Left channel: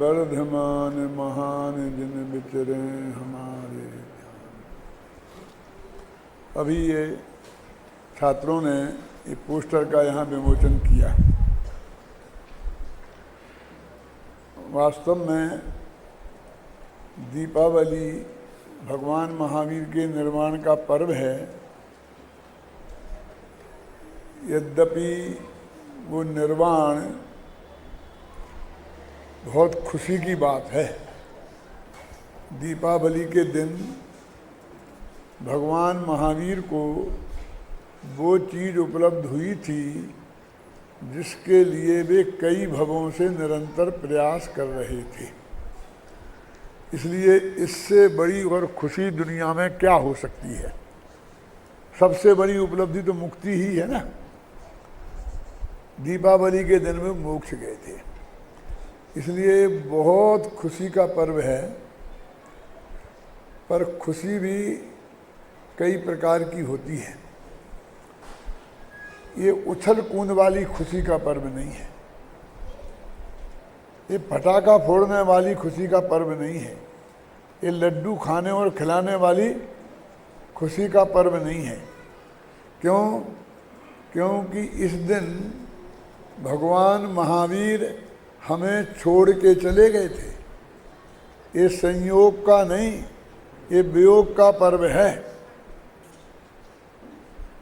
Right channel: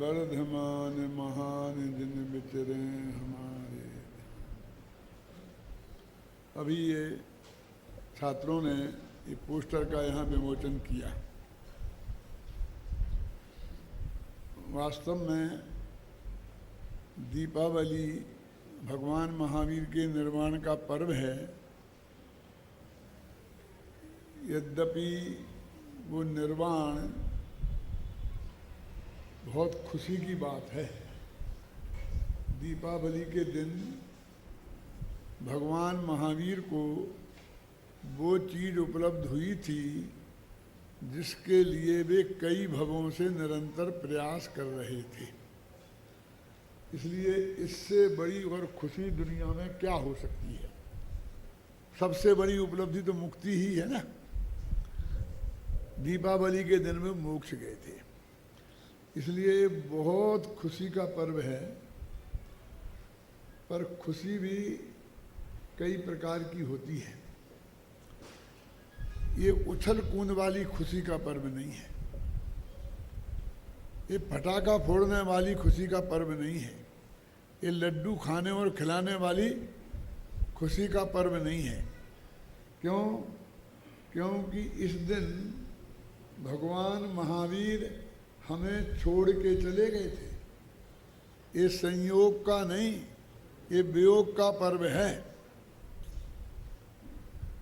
वर्धमान महान दिन विचरे हमारे। अभी ये छात्रों ने ये पोस्टर का यहाँ विमोचन किया। वास्तव में दीपावली भगवान महावीर के निर्वाण का पर्व है। यद्यपि वो निर्वाण बहुत खुशी की बात है। दीपावली के दिन भगवान महावीर को वो चीज़ उपलब्ध हुई थी जिसके लिए वे कई भवों से निरंतर प्रयास कर रहे थे। इसलिए इससे बड़ी और खुशी दुनिया में क्या हो सकती है। सबसे बड़ी उपलब्धि तो मुक्ति ही है ना। दीपावली के दिन में मोक्ष गए थे, इसलिए बहुत खुशी का पर्व है। पर खुशी भी कई प्रकार की होती है। ये उछल कूद वाली खुशी का पर्व नहीं है। ये पटाखा फोड़ने वाली खुशी का पर्व नहीं है। ये लड्डू खाने और खिलाने वाली खुशी का पर्व नहीं है। क्यों? क्योंकि इस दिन भगवान महावीर हमें छोड़ के चले गए थे। ये संयोग का नहीं, ये वियोग का पर्व है।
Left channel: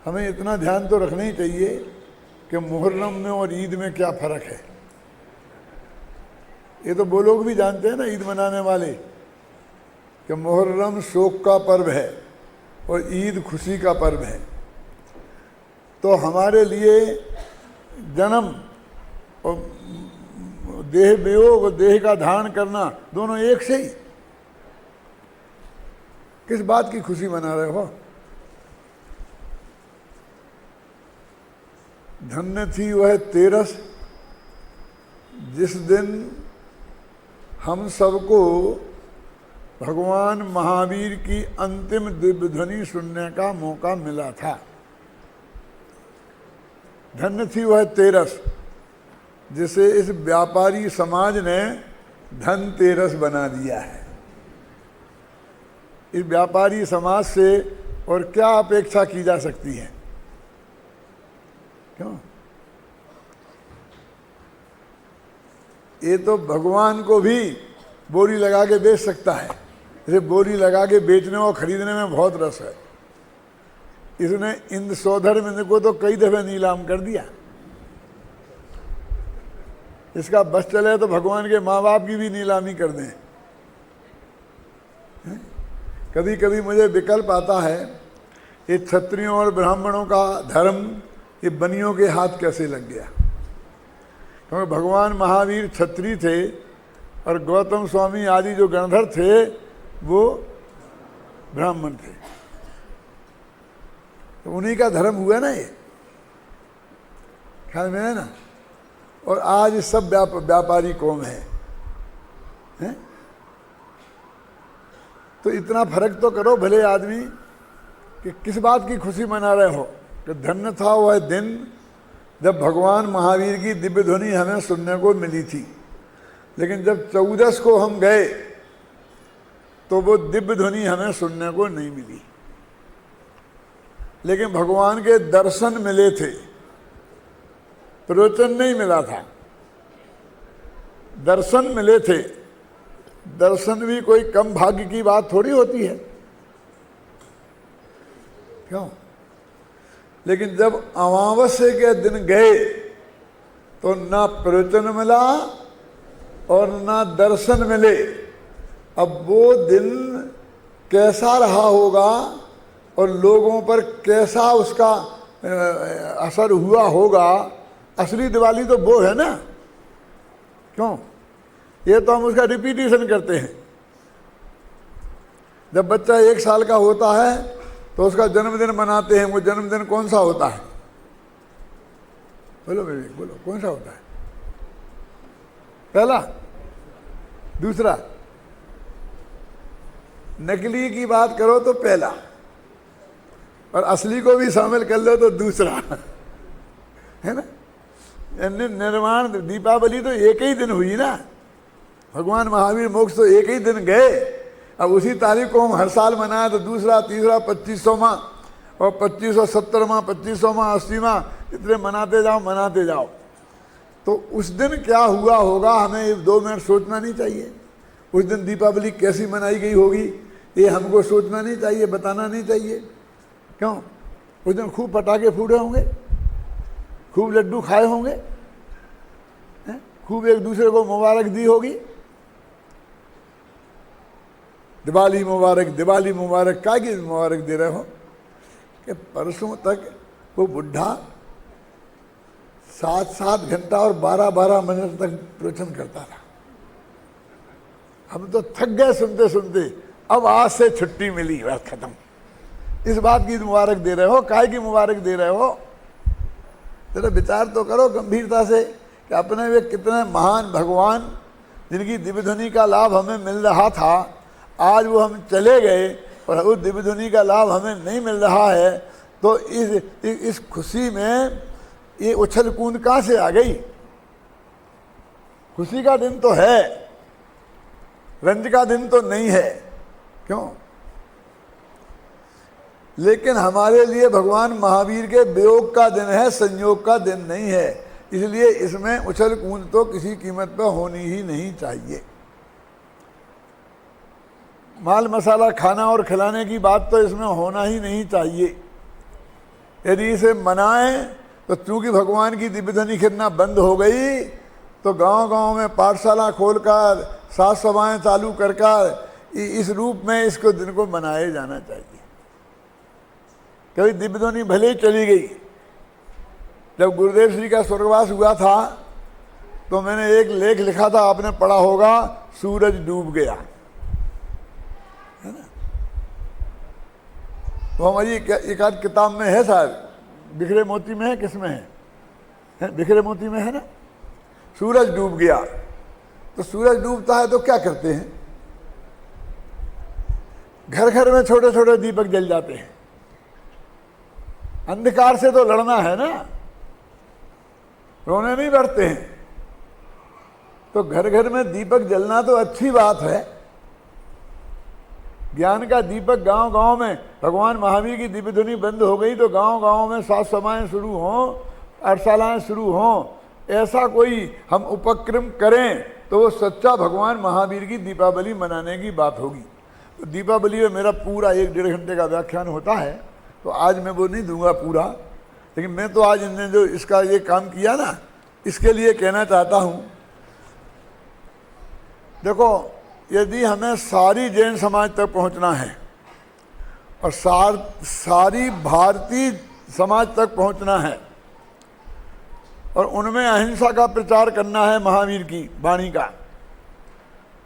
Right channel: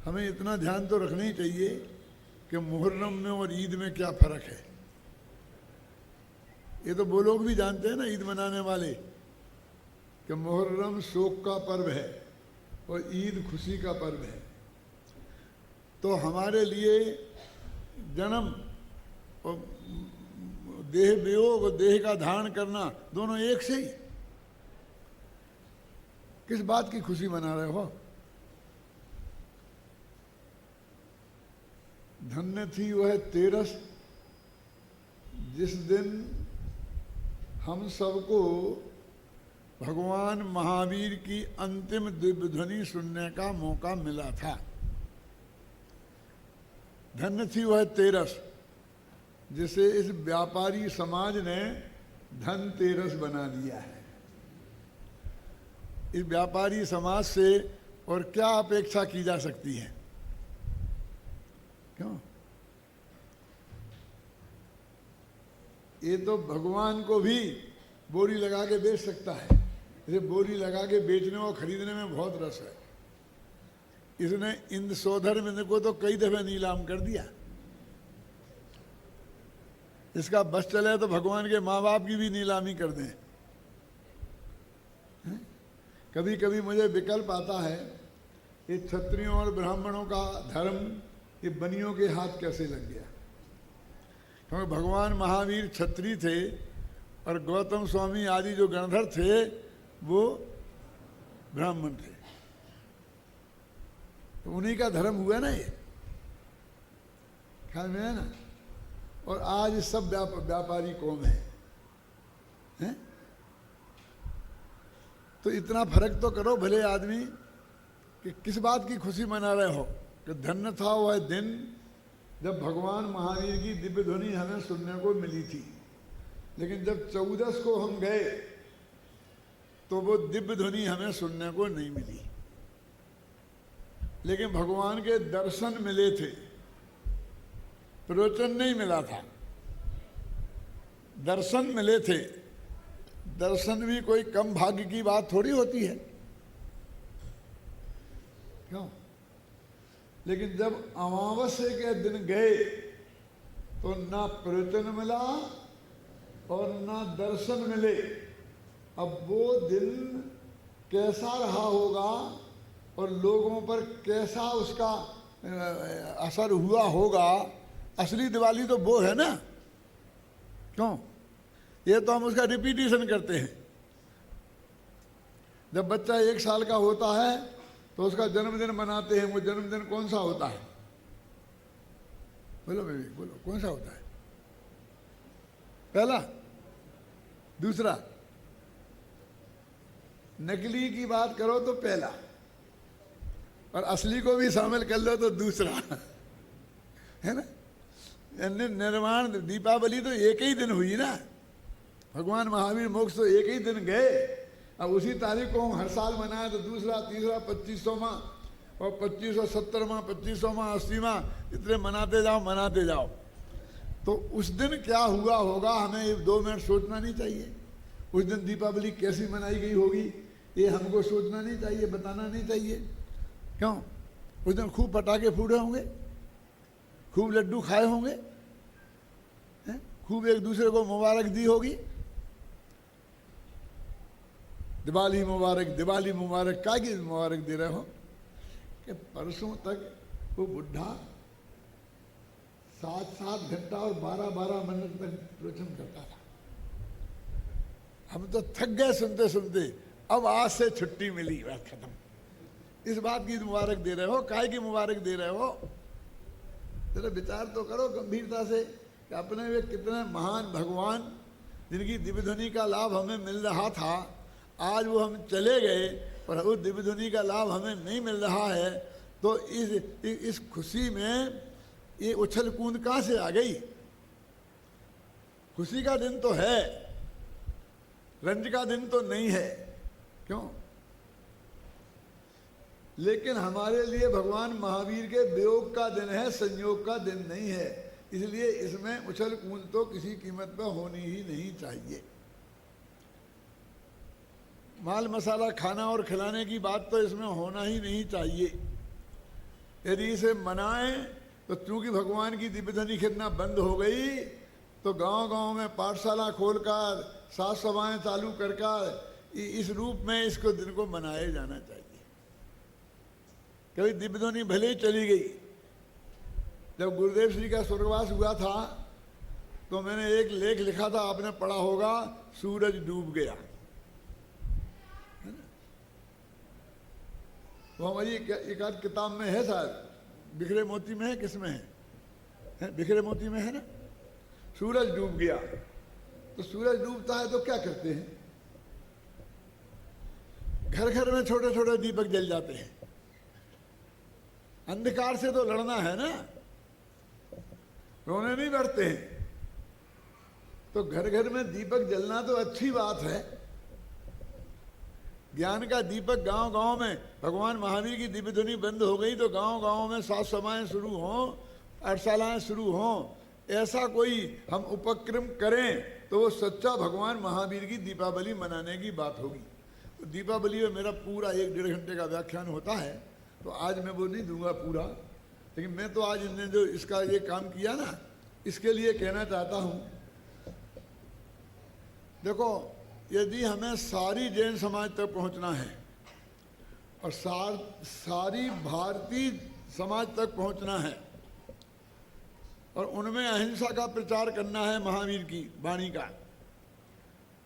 हमें इतना ध्यान तो रखना ही चाहिए कि मुहर्रम में और ईद में क्या फ़र्क है। ये तो वो लोग भी जानते हैं ना, ईद मनाने वाले, कि मुहर्रम शोक का पर्व है और ईद खुशी का पर्व है। तो हमारे लिए जन्म और देह वियोग और देह का धारण करना दोनों एक से ही। किस बात की खुशी मना रहे हो? धन्य थी वह तेरस जिस दिन हम सबको भगवान महावीर की अंतिम दिव्य ध्वनि सुनने का मौका मिला था। धन्य थी वह तेरस जिसे इस व्यापारी समाज ने धनतेरस बना दिया है। इस व्यापारी समाज से और क्या अपेक्षा की जा सकती है? क्यों? ये तो भगवान को भी बोली लगा के बेच सकता है। इसे बोली लगा के बेचने और खरीदने में बहुत रस है। इसने इंद्र सौधर्म को तो कई दफे नीलाम कर दिया। इसका बस चले तो भगवान के माँ बाप की भी नीलामी कर दें। कभी कभी मुझे विकल्प आता है, ये क्षत्रियों और ब्राह्मणों का धर्म ये बनियों के हाथ कैसे लग गया। क्योंकि भगवान महावीर क्षत्रिय थे और गौतम स्वामी आदि जो गणधर थे वो ब्राह्मण थे। तो उन्हीं का धर्म हुआ ना ये, ख्याल में है ना। और आज सब व्यापारी कौम है? तो इतना फर्क तो करो भले आदमी कि किस बात की खुशी मना रहे हो। कि धन्य था वह दिन जब भगवान महावीर की दिव्य ध्वनि हमें सुनने को मिली थी। लेकिन जब 14 को हम गए तो वो दिव्य ध्वनि हमें सुनने को नहीं मिली। लेकिन भगवान के दर्शन मिले थे, प्रवचन नहीं मिला था। दर्शन मिले थे। दर्शन भी कोई कम भाग्य की बात थोड़ी होती है। क्यों? लेकिन जब अमावस्या के दिन गए तो ना प्रवचन मिला और ना दर्शन मिले। अब वो दिन कैसा रहा होगा और लोगों पर कैसा उसका असर हुआ होगा। असली दिवाली तो वो है ना। क्यों? ये तो हम उसका रिपीटिशन करते हैं। जब बच्चा 1 साल का होता है तो उसका जन्मदिन मनाते हैं। वो जन्मदिन कौन सा होता है? बोलो बेटे, बोलो कौन सा होता है? पहला, दूसरा? नकली की बात करो तो पहला, और असली को भी शामिल कर लो तो दूसरा, है ना। निर्वाण दीपावली तो एक ही दिन हुई ना। भगवान महावीर मोक्ष तो एक ही दिन गए। अब उसी तारीख को हम हर साल मनाए तो दूसरा तीसरा 25वां और 2570वां 25वां 80वां इतने मनाते जाओ। तो उस दिन क्या हुआ होगा हमें 2 मिनट सोचना नहीं चाहिए? उस दिन दीपावली कैसी मनाई गई होगी ये हमको सोचना नहीं चाहिए, बताना नहीं चाहिए? क्यों? उस दिन खूब पटाखे फूटे होंगे, खूब लड्डू खाए होंगे, खूब एक दूसरे को मुबारक दी होगी, दिवाली मुबारक दिवाली मुबारक। काय की मुबारक दे रहे हो कि परसों तक वो बुढ़ा 7-7 घंटा और 12-12 मिनट तक प्रवचन करता था। हम तो थक गए सुनते सुनते, अब आज से छुट्टी मिली, बस खत्म। इस बात की मुबारक दे रहे हो, काय की मुबारक दे रहे हो? जरा विचार तो करो गंभीरता से कि अपने वे कितने महान भगवान जिनकी दिव्य ध्वनि का लाभ हमें मिल रहा था, आज वो हम चले गए और उस दिव्य ध्वनि का लाभ हमें नहीं मिल रहा है। तो इस खुशी में ये उछल कूद कहाँ से आ गई? खुशी का दिन तो है, रंज का दिन तो नहीं है। क्यों? लेकिन हमारे लिए भगवान महावीर के वियोग का दिन है, संयोग का दिन नहीं है। इसलिए इसमें उछल कूद तो किसी कीमत पर होनी ही नहीं चाहिए। माल मसाला खाना और खिलाने की बात तो इसमें होना ही नहीं चाहिए। यदि इसे मनाएं तो चूंकि भगवान की दिव्य ध्वनि खिलना बंद हो गई तो गांव-गांव में पाठशाला खोलकर साज सभाएं चालू कर इस रूप में इसको दिन को मनाया जाना चाहिए। कभी दिव्य ध्वनि भले ही चली गई। जब गुरुदेव श्री का स्वर्गवास हुआ था तो मैंने एक लेख लिखा था, आपने पढ़ा होगा, सूरज डूब गया, है ना? वो हमारी एक आध किताब में है शायद, बिखरे मोती में है, किसमें है? बिखरे मोती में है ना। सूरज डूब गया। तो सूरज डूबता है तो क्या करते हैं? घर घर में छोटे छोटे दीपक जल जाते हैं। अंधकार से तो लड़ना है ना, रोने नहीं बैठते हैं। तो घर घर में दीपक जलना तो अच्छी बात है। ज्ञान का दीपक गांव गांव में, भगवान महावीर की दिव्य ध्वनि बंद हो गई तो गांव गांव में साज सभाएं शुरू हों, पाठशालाएं शुरू हों, ऐसा कोई हम उपक्रम करें तो वो सच्चा भगवान महावीर की दीपावली मनाने की बात होगी। तो दीपावली में मेरा पूरा 1-1.5 घंटे का व्याख्यान होता है, तो आज मैं वो नहीं दूंगा पूरा। लेकिन मैं तो आज इन्होंने जो इसका ये काम किया ना, इसके लिए कहना चाहता हूं, देखो यदि हमें सारी जैन समाज तक पहुंचना है और सारी भारतीय समाज तक पहुंचना है और उनमें अहिंसा का प्रचार करना है महावीर की वाणी का,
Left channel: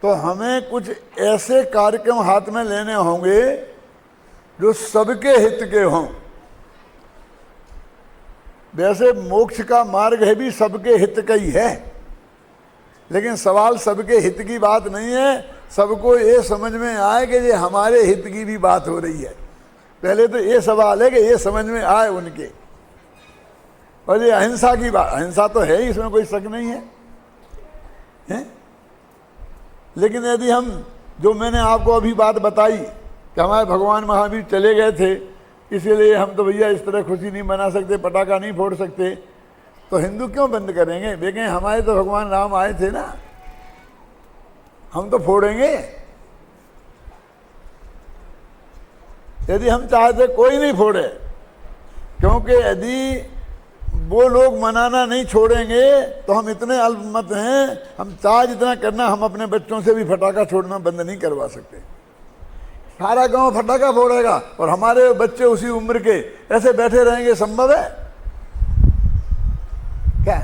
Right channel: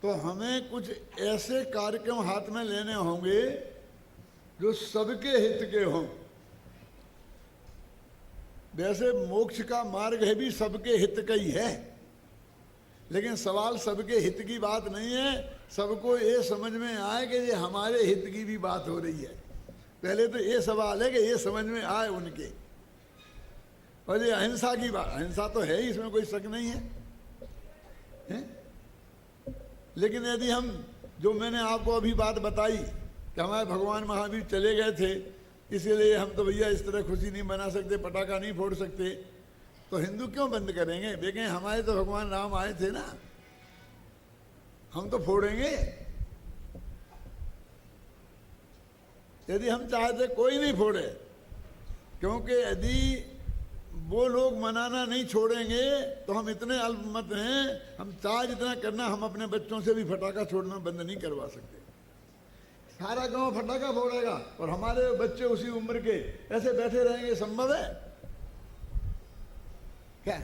तो हमें कुछ ऐसे कार्यक्रम हाथ में लेने होंगे जो सबके हित के हों। वैसे मोक्ष का मार्ग है भी सबके हित का ही है, लेकिन सवाल सबके हित की बात नहीं है। सबको ये समझ में आए कि ये हमारे हित की भी बात हो रही है। पहले तो ये सवाल है कि ये समझ में आए उनके। और ये अहिंसा की बात, अहिंसा तो है ही, इसमें कोई शक नहीं है? लेकिन यदि हम, जो मैंने आपको अभी बात बताई कि हमारे भगवान महावीर चले गए थे, इसीलिए हम तो भैया इस तरह खुशी नहीं मना सकते, पटाखा नहीं फोड़ सकते, तो हिंदू क्यों बंद करेंगे? देखें हमारे तो भगवान राम आए थे ना, हम तो फोड़ेंगे। यदि हम चाहते कोई नहीं फोड़े, क्योंकि यदि वो लोग मनाना नहीं छोड़ेंगे तो हम इतने अल्पमत हैं, हम चाहे जितना करना, हम अपने बच्चों से भी फटाखा छोड़ना बंद नहीं करवा सकते। सारा गांव फटाखा फोड़ेगा और हमारे बच्चे उसी उम्र के ऐसे बैठे रहेंगे, संभव है क्या?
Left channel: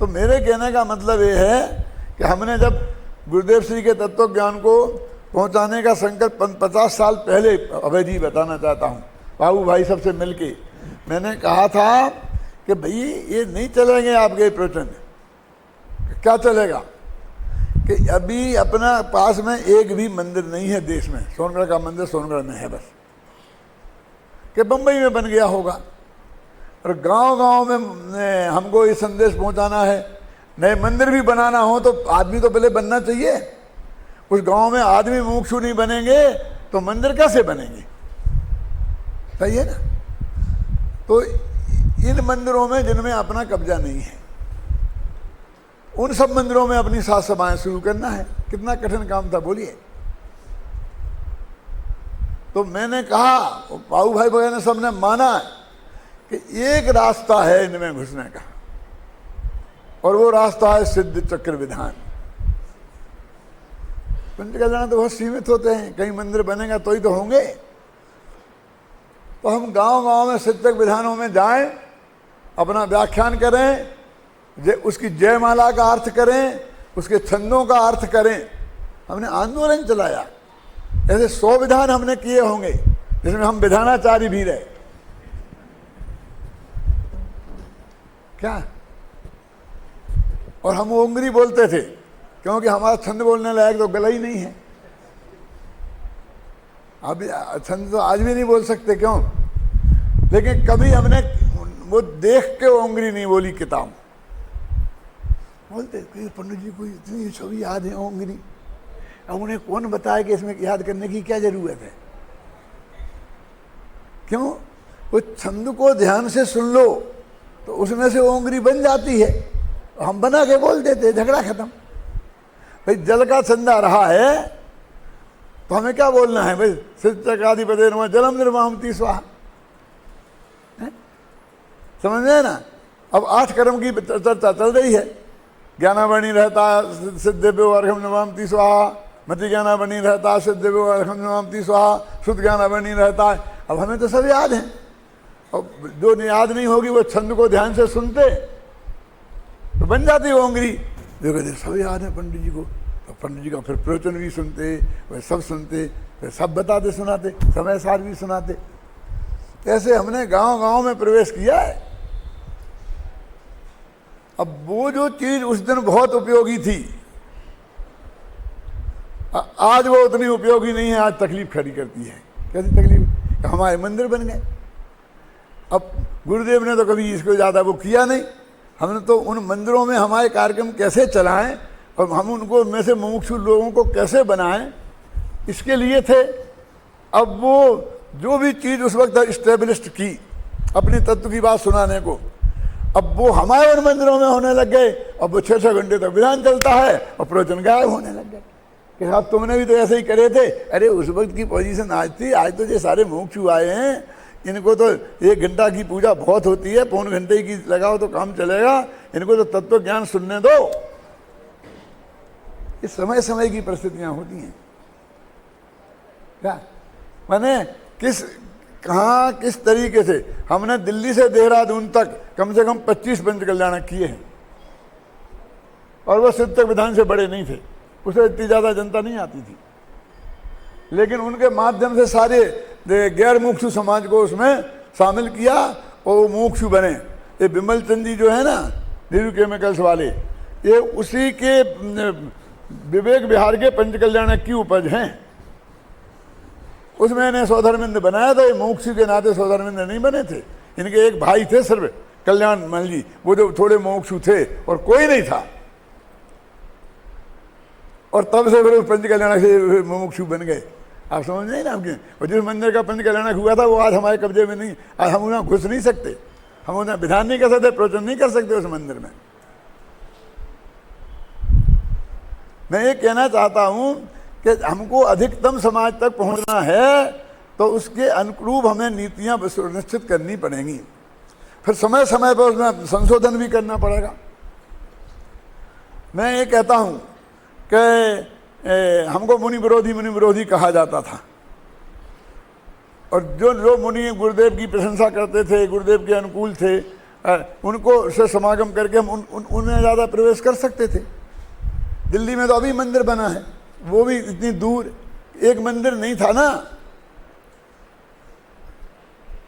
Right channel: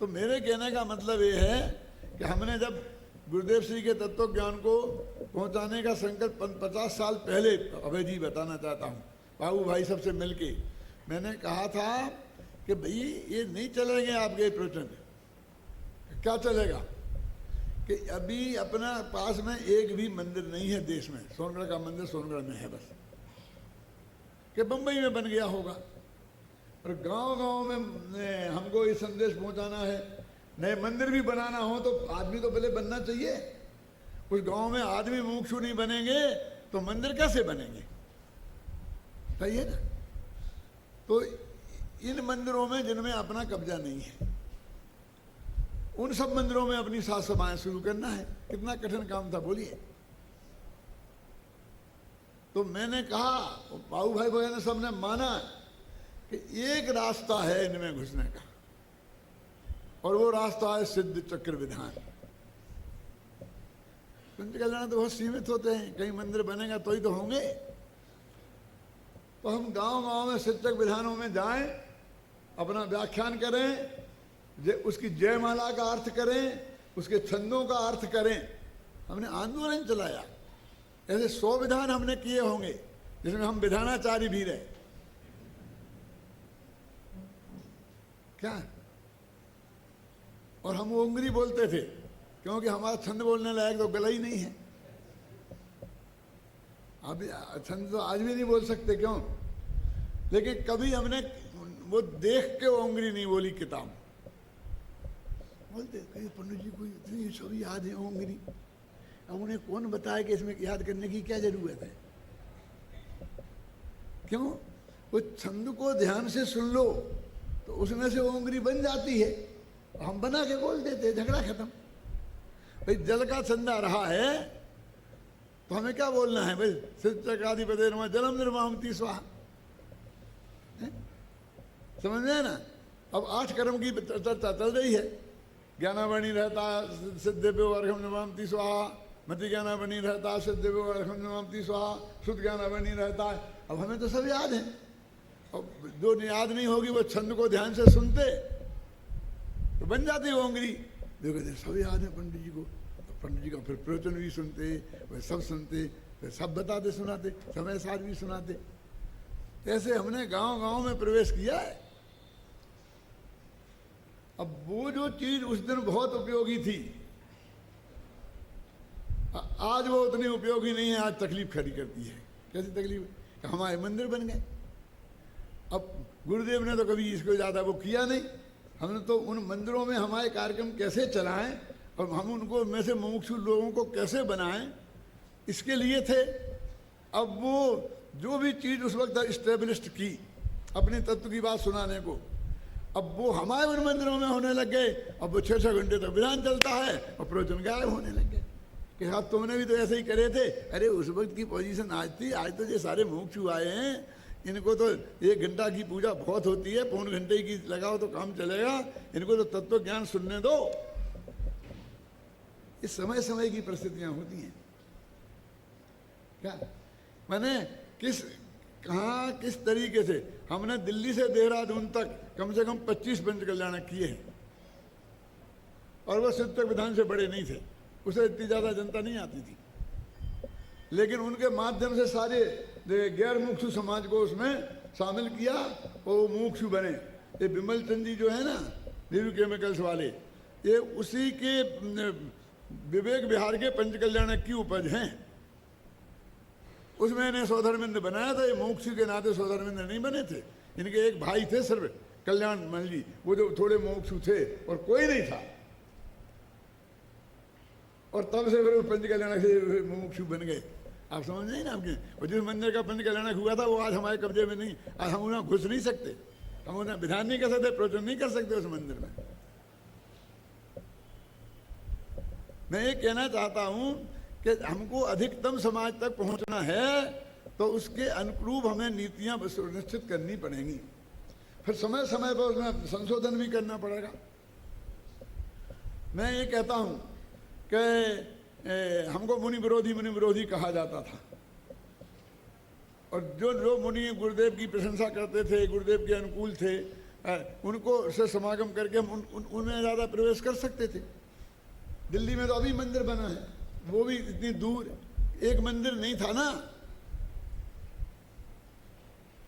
तो मेरे कहने का मतलब ये है कि हमने जब गुरुदेव श्री के तत्व ज्ञान को पहुंचाने का संकल्प 50 साल पहले, अभय जी बताना चाहता हूँ, बाबू भाई सबसे मिलके मैंने कहा था कि भाई ये नहीं चलेंगे आपके प्रवचन। क्या चलेगा कि अभी अपना पास में एक भी मंदिर नहीं है देश में। सोनगढ़ का मंदिर सोनगढ़ में है बस, कि बम्बई में बन गया होगा। और गांव-गांव में हमको ये संदेश पहुंचाना है। नए मंदिर भी बनाना हो तो आदमी तो पहले बनना चाहिए। उस गांव में आदमी मुमुक्षु नहीं बनेंगे तो मंदिर कैसे बनेंगे? सही है ना? तो इन मंदिरों में जिनमें अपना कब्जा नहीं है, उन सब मंदिरों में अपनी साज सभाएं शुरू करना है। कितना कठिन काम था बोलिए। तो मैंने कहा, पाऊ भाई वगैरह सबने माना कि एक रास्ता है इनमें घुसने का, और वो रास्ता है सिद्ध चक्र विधान। पंच कल्याण तो बहुत सीमित होते हैं, कहीं मंदिर बनेगा तो ही तो होंगे। तो हम गांव गांव में सिद्ध चक्र विधानों में जाएं, अपना व्याख्यान करें, उसकी जयमाला का अर्थ करें, उसके छंदों का अर्थ करें। हमने आंदोलन चलाया, ऐसे 100 विधान हमने किए होंगे जिसमें हम विधानाचार्य भी रहे। क्या? और हम ओंगरी बोलते थे क्योंकि हमारा छंद बोलने लायक तो गला ही नहीं है। अब छंद तो आज भी नहीं बोल सकते, क्यों? लेकिन कभी हमने वो देख के ओंगरी नहीं बोली किताब। बोलते पंडित जी को इतनी छवि याद है ओंगरी, अब उन्हें कौन बताया कि इसमें याद करने की क्या जरूरत है? क्यों? वो छंद को ध्यान से सुन लो तो उसमें से ओंगरी बन जाती है, हम बना के बोल देते, झगड़ा खत्म। भाई जल का छंदा रहा है तो हमें क्या बोलना है? भाई सिद्धचक्राधिपते नमः जलम निर्वाहमति स्वाहा, समझ रहे ना? अब 8 कर्म की चर्चा चल रही है। ज्ञानावणी रहता सिद्धेभ्यो अर्घम नमामि स्वाहा, मति ज्ञानावणी रहता सिद्धेभ्यो अर्घम नमामि स्वाहा, शुद्ध ज्ञानावणी रहता है। अब हमें तो सब याद है, और जो याद नहीं होगी वो छंद को ध्यान से सुनते तो बन जाती ओंगरी। जो कहते सब याद है पंडित जी को, तो पंडित जी का फिर प्रवचन भी सुनते, वे सब सुनते, फिर सब बताते सुनाते, समय सार भी सुनाते। ऐसे हमने गांव गांव में प्रवेश किया है। अब वो जो चीज उस दिन बहुत उपयोगी थी, आज वो उतनी उपयोगी नहीं है, आज तकलीफ खड़ी करती है। कैसी तकलीफ? हमारे मंदिर बन गए। अब गुरुदेव ने तो कभी इसको ज़्यादा वो किया नहीं, हमने तो उन मंदिरों में हमारे कार्यक्रम कैसे चलाएं और हम उनको में से मुमुक्षु लोगों को कैसे बनाएं, इसके लिए थे। अब वो जो भी चीज़ उस वक्त इस्टेब्लिश्ड की अपने तत्व की बात सुनाने को, अब वो हमारे उन मंदिरों में होने लग गए। अब वो 6-6 घंटे तक विधान चलता है और प्रवचन गायब होने लग गए कि साहब तुमने भी तो ऐसे ही करे थे। अरे उस वक्त की पोजीशन आज थी, आज तो ये सारे मुमुक्षु आए हैं, इनको तो 1 घंटा की पूजा बहुत होती है, 1.25 घंटे की लगाओ तो काम चलेगा, इनको तो तत्व ज्ञान सुनने दो। ये समय समय की परिस्थितियां होती हैं। क्या माने कहाँ किस तरीके से हमने दिल्ली से देहरादून तक कम से कम 25 पंच कल्याण किए हैं, और वो सिद्ध चक्र विधान से बड़े नहीं थे, उसे इतनी ज़्यादा जनता नहीं आती थी, लेकिन उनके माध्यम से सारे गैर मुमुक्षु समाज को उसमें शामिल किया और वो मुमुक्षु बने। ये विमल चंद जी जो है ना, नीरू केमिकल्स वाले, ये उसी के विवेक विहार के पंच कल्याण की उपज हैं। उसमें इन्हें सौधर्मिंद बनाया था। ये मुमुक्षु के नाते सौधर्मिंद नहीं बने थे, इनके एक भाई थे सिर्फ कल्याण मान जी, वो जो थोड़े मुमुक्षु थे और कोई नहीं था, और तब से फिर पंच कल्याण से मुमुक्षु बन गए। आप समझ नहीं ना आपके? और जिस मंदिर का पंच कल्याण हुआ था वो आज हमारे कब्जे में नहीं, आज हम उन्हें घुस नहीं सकते, हम उन्हें विधान नहीं कर सकते, प्रवचन नहीं कर सकते उस मंदिर में। मैं ये कहना चाहता हूं कि हमको अधिकतम समाज तक पहुंचना है तो उसके अनुरूप हमें नीतियां सुनिश्चित करनी पड़ेंगी, फिर समय समय पर उसमें संशोधन भी करना पड़ेगा। मैं ये कहता हूं कि हमको मुनि विरोधी कहा जाता था, और जो मुनि गुरुदेव की प्रशंसा करते थे, गुरुदेव के अनुकूल थे, उनको से समागम करके हम उनमें ज़्यादा प्रवेश कर सकते थे। दिल्ली में तो अभी मंदिर बना है, वो भी इतनी दूर, एक मंदिर नहीं था ना,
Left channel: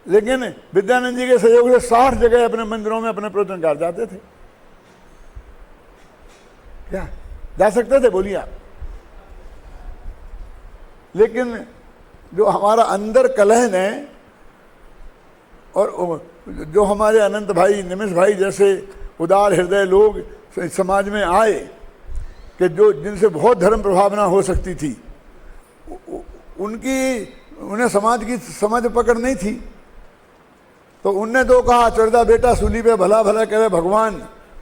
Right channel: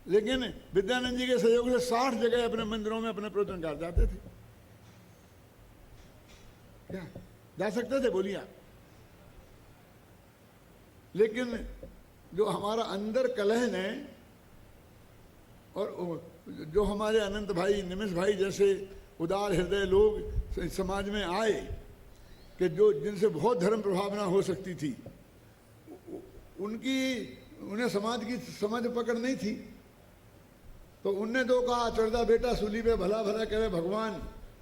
लेकिन विद्यानंद जी के सहयोग से 60 जगह अपने मंदिरों में अपने प्रवचनकार जाते थे। क्या जा सकते थे? बोलिए आप। लेकिन जो हमारा अंदर कलह है, और जो हमारे अनंत भाई, निमिष भाई जैसे उदार हृदय लोग समाज में आए कि जो जिनसे बहुत धर्म प्रभावना हो सकती थी, उन्हें समाज की समझ पकड़ नहीं थी। तो उनने तो कहा, चौरदा बेटा सूली पे भला भला करे भगवान,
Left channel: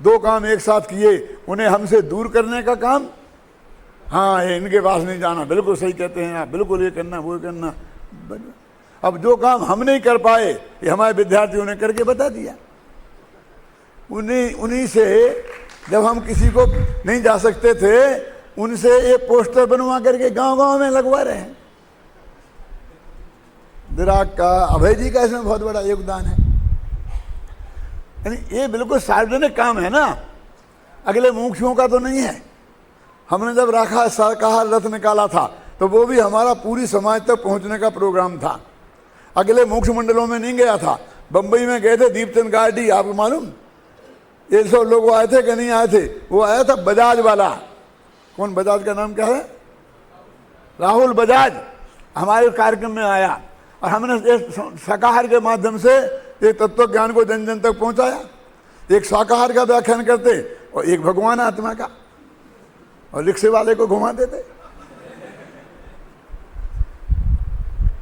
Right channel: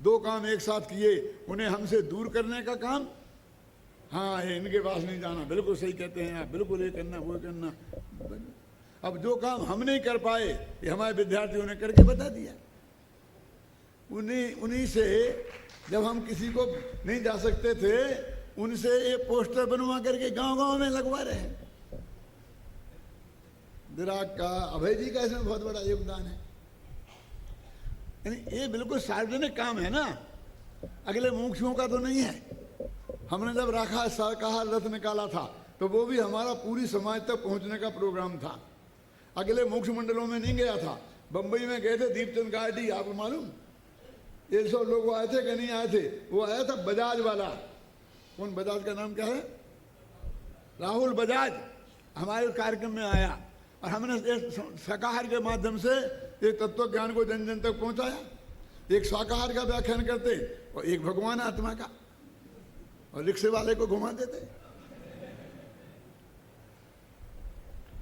दो काम एक साथ किए, उन्हें हमसे दूर करने का काम। हाँ, ये इनके पास नहीं जाना, बिल्कुल सही कहते हैं आप, बिल्कुल ये करना वो करना। अब जो काम हम नहीं कर पाए, ये हमारे विद्यार्थियों ने करके बता दिया। उन्हीं से जब हम किसी को नहीं जा सकते थे, उनसे ये पोस्टर बनवा करके गांव-गांव में लगवा रहे हैं। दिराग का, अभय जी का इसमें बहुत बड़ा योगदान है। यानी ये बिल्कुल सार्वजनिक काम है ना, अगले मुमुक्षुओं का तो नहीं है। हमने जब राखा शाकाहार रथ निकाला था, तो वो भी हमारा पूरी समाज तक पहुंचने का प्रोग्राम था। अगले मुमुक्षु मंडलों में नहीं गया था। बंबई में गए थे दीपचंद गार्डी, आपको मालूम, ये सब लोग आए थे कि नहीं आए थे? वो आया था बजाज वाला। कौन बजाज का नाम क्या है? राहुल बजाज हमारे कार्यक्रम में आया, और हमने शाकाहार के माध्यम से एक तत्व ज्ञान को जन जन तक पहुंचाया। एक शाकाहार का व्याख्यान करते और एक भगवान आत्मा का, और रिक्शे वाले को घुमा देते।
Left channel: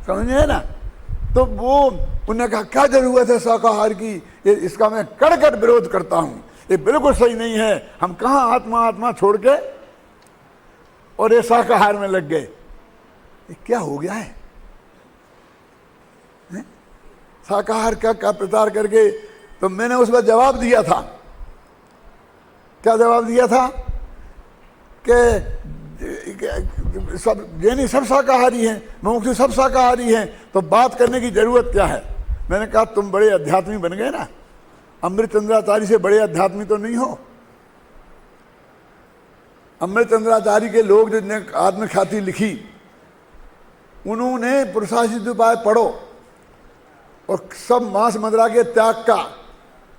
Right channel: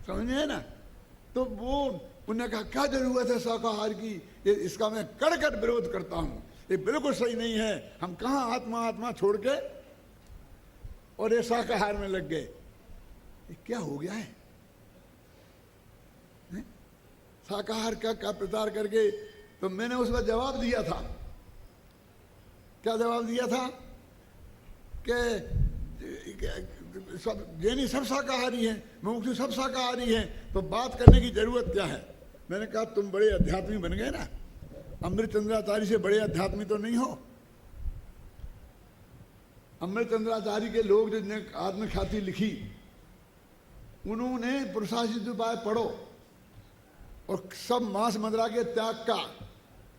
समझे ना? तो वो उन्होंने कहा क्या जरूरत है शाकाहार की, इसका मैं कड़कड़ विरोध करता हूं, ये बिल्कुल सही नहीं है। हम कहां आत्मा आत्मा छोड़ के और ये शाकाहार में लग गए। ये क्या हो गया है? शाकाहार का प्रचार करके। तो मैंने उस पर जवाब दिया था। क्या जवाब दिया था? कि सब जैनी सब शाकाहारी हैं, मुमुक्षु सब शाकाहारी हैं, तो बात करने की जरूरत क्या है? मैंने कहा तुम बड़े अध्यात्मी बन गए ना, अमृतचंद्राचार्य से बड़े अध्यात्मी तो नहीं हो। अमृतचंद्राचार्य के लोग जिनने आत्मख्याति लिखी, उन्होंने पुरुषार्थ उपाय पढ़ो और सब मांस मदिरा के त्याग का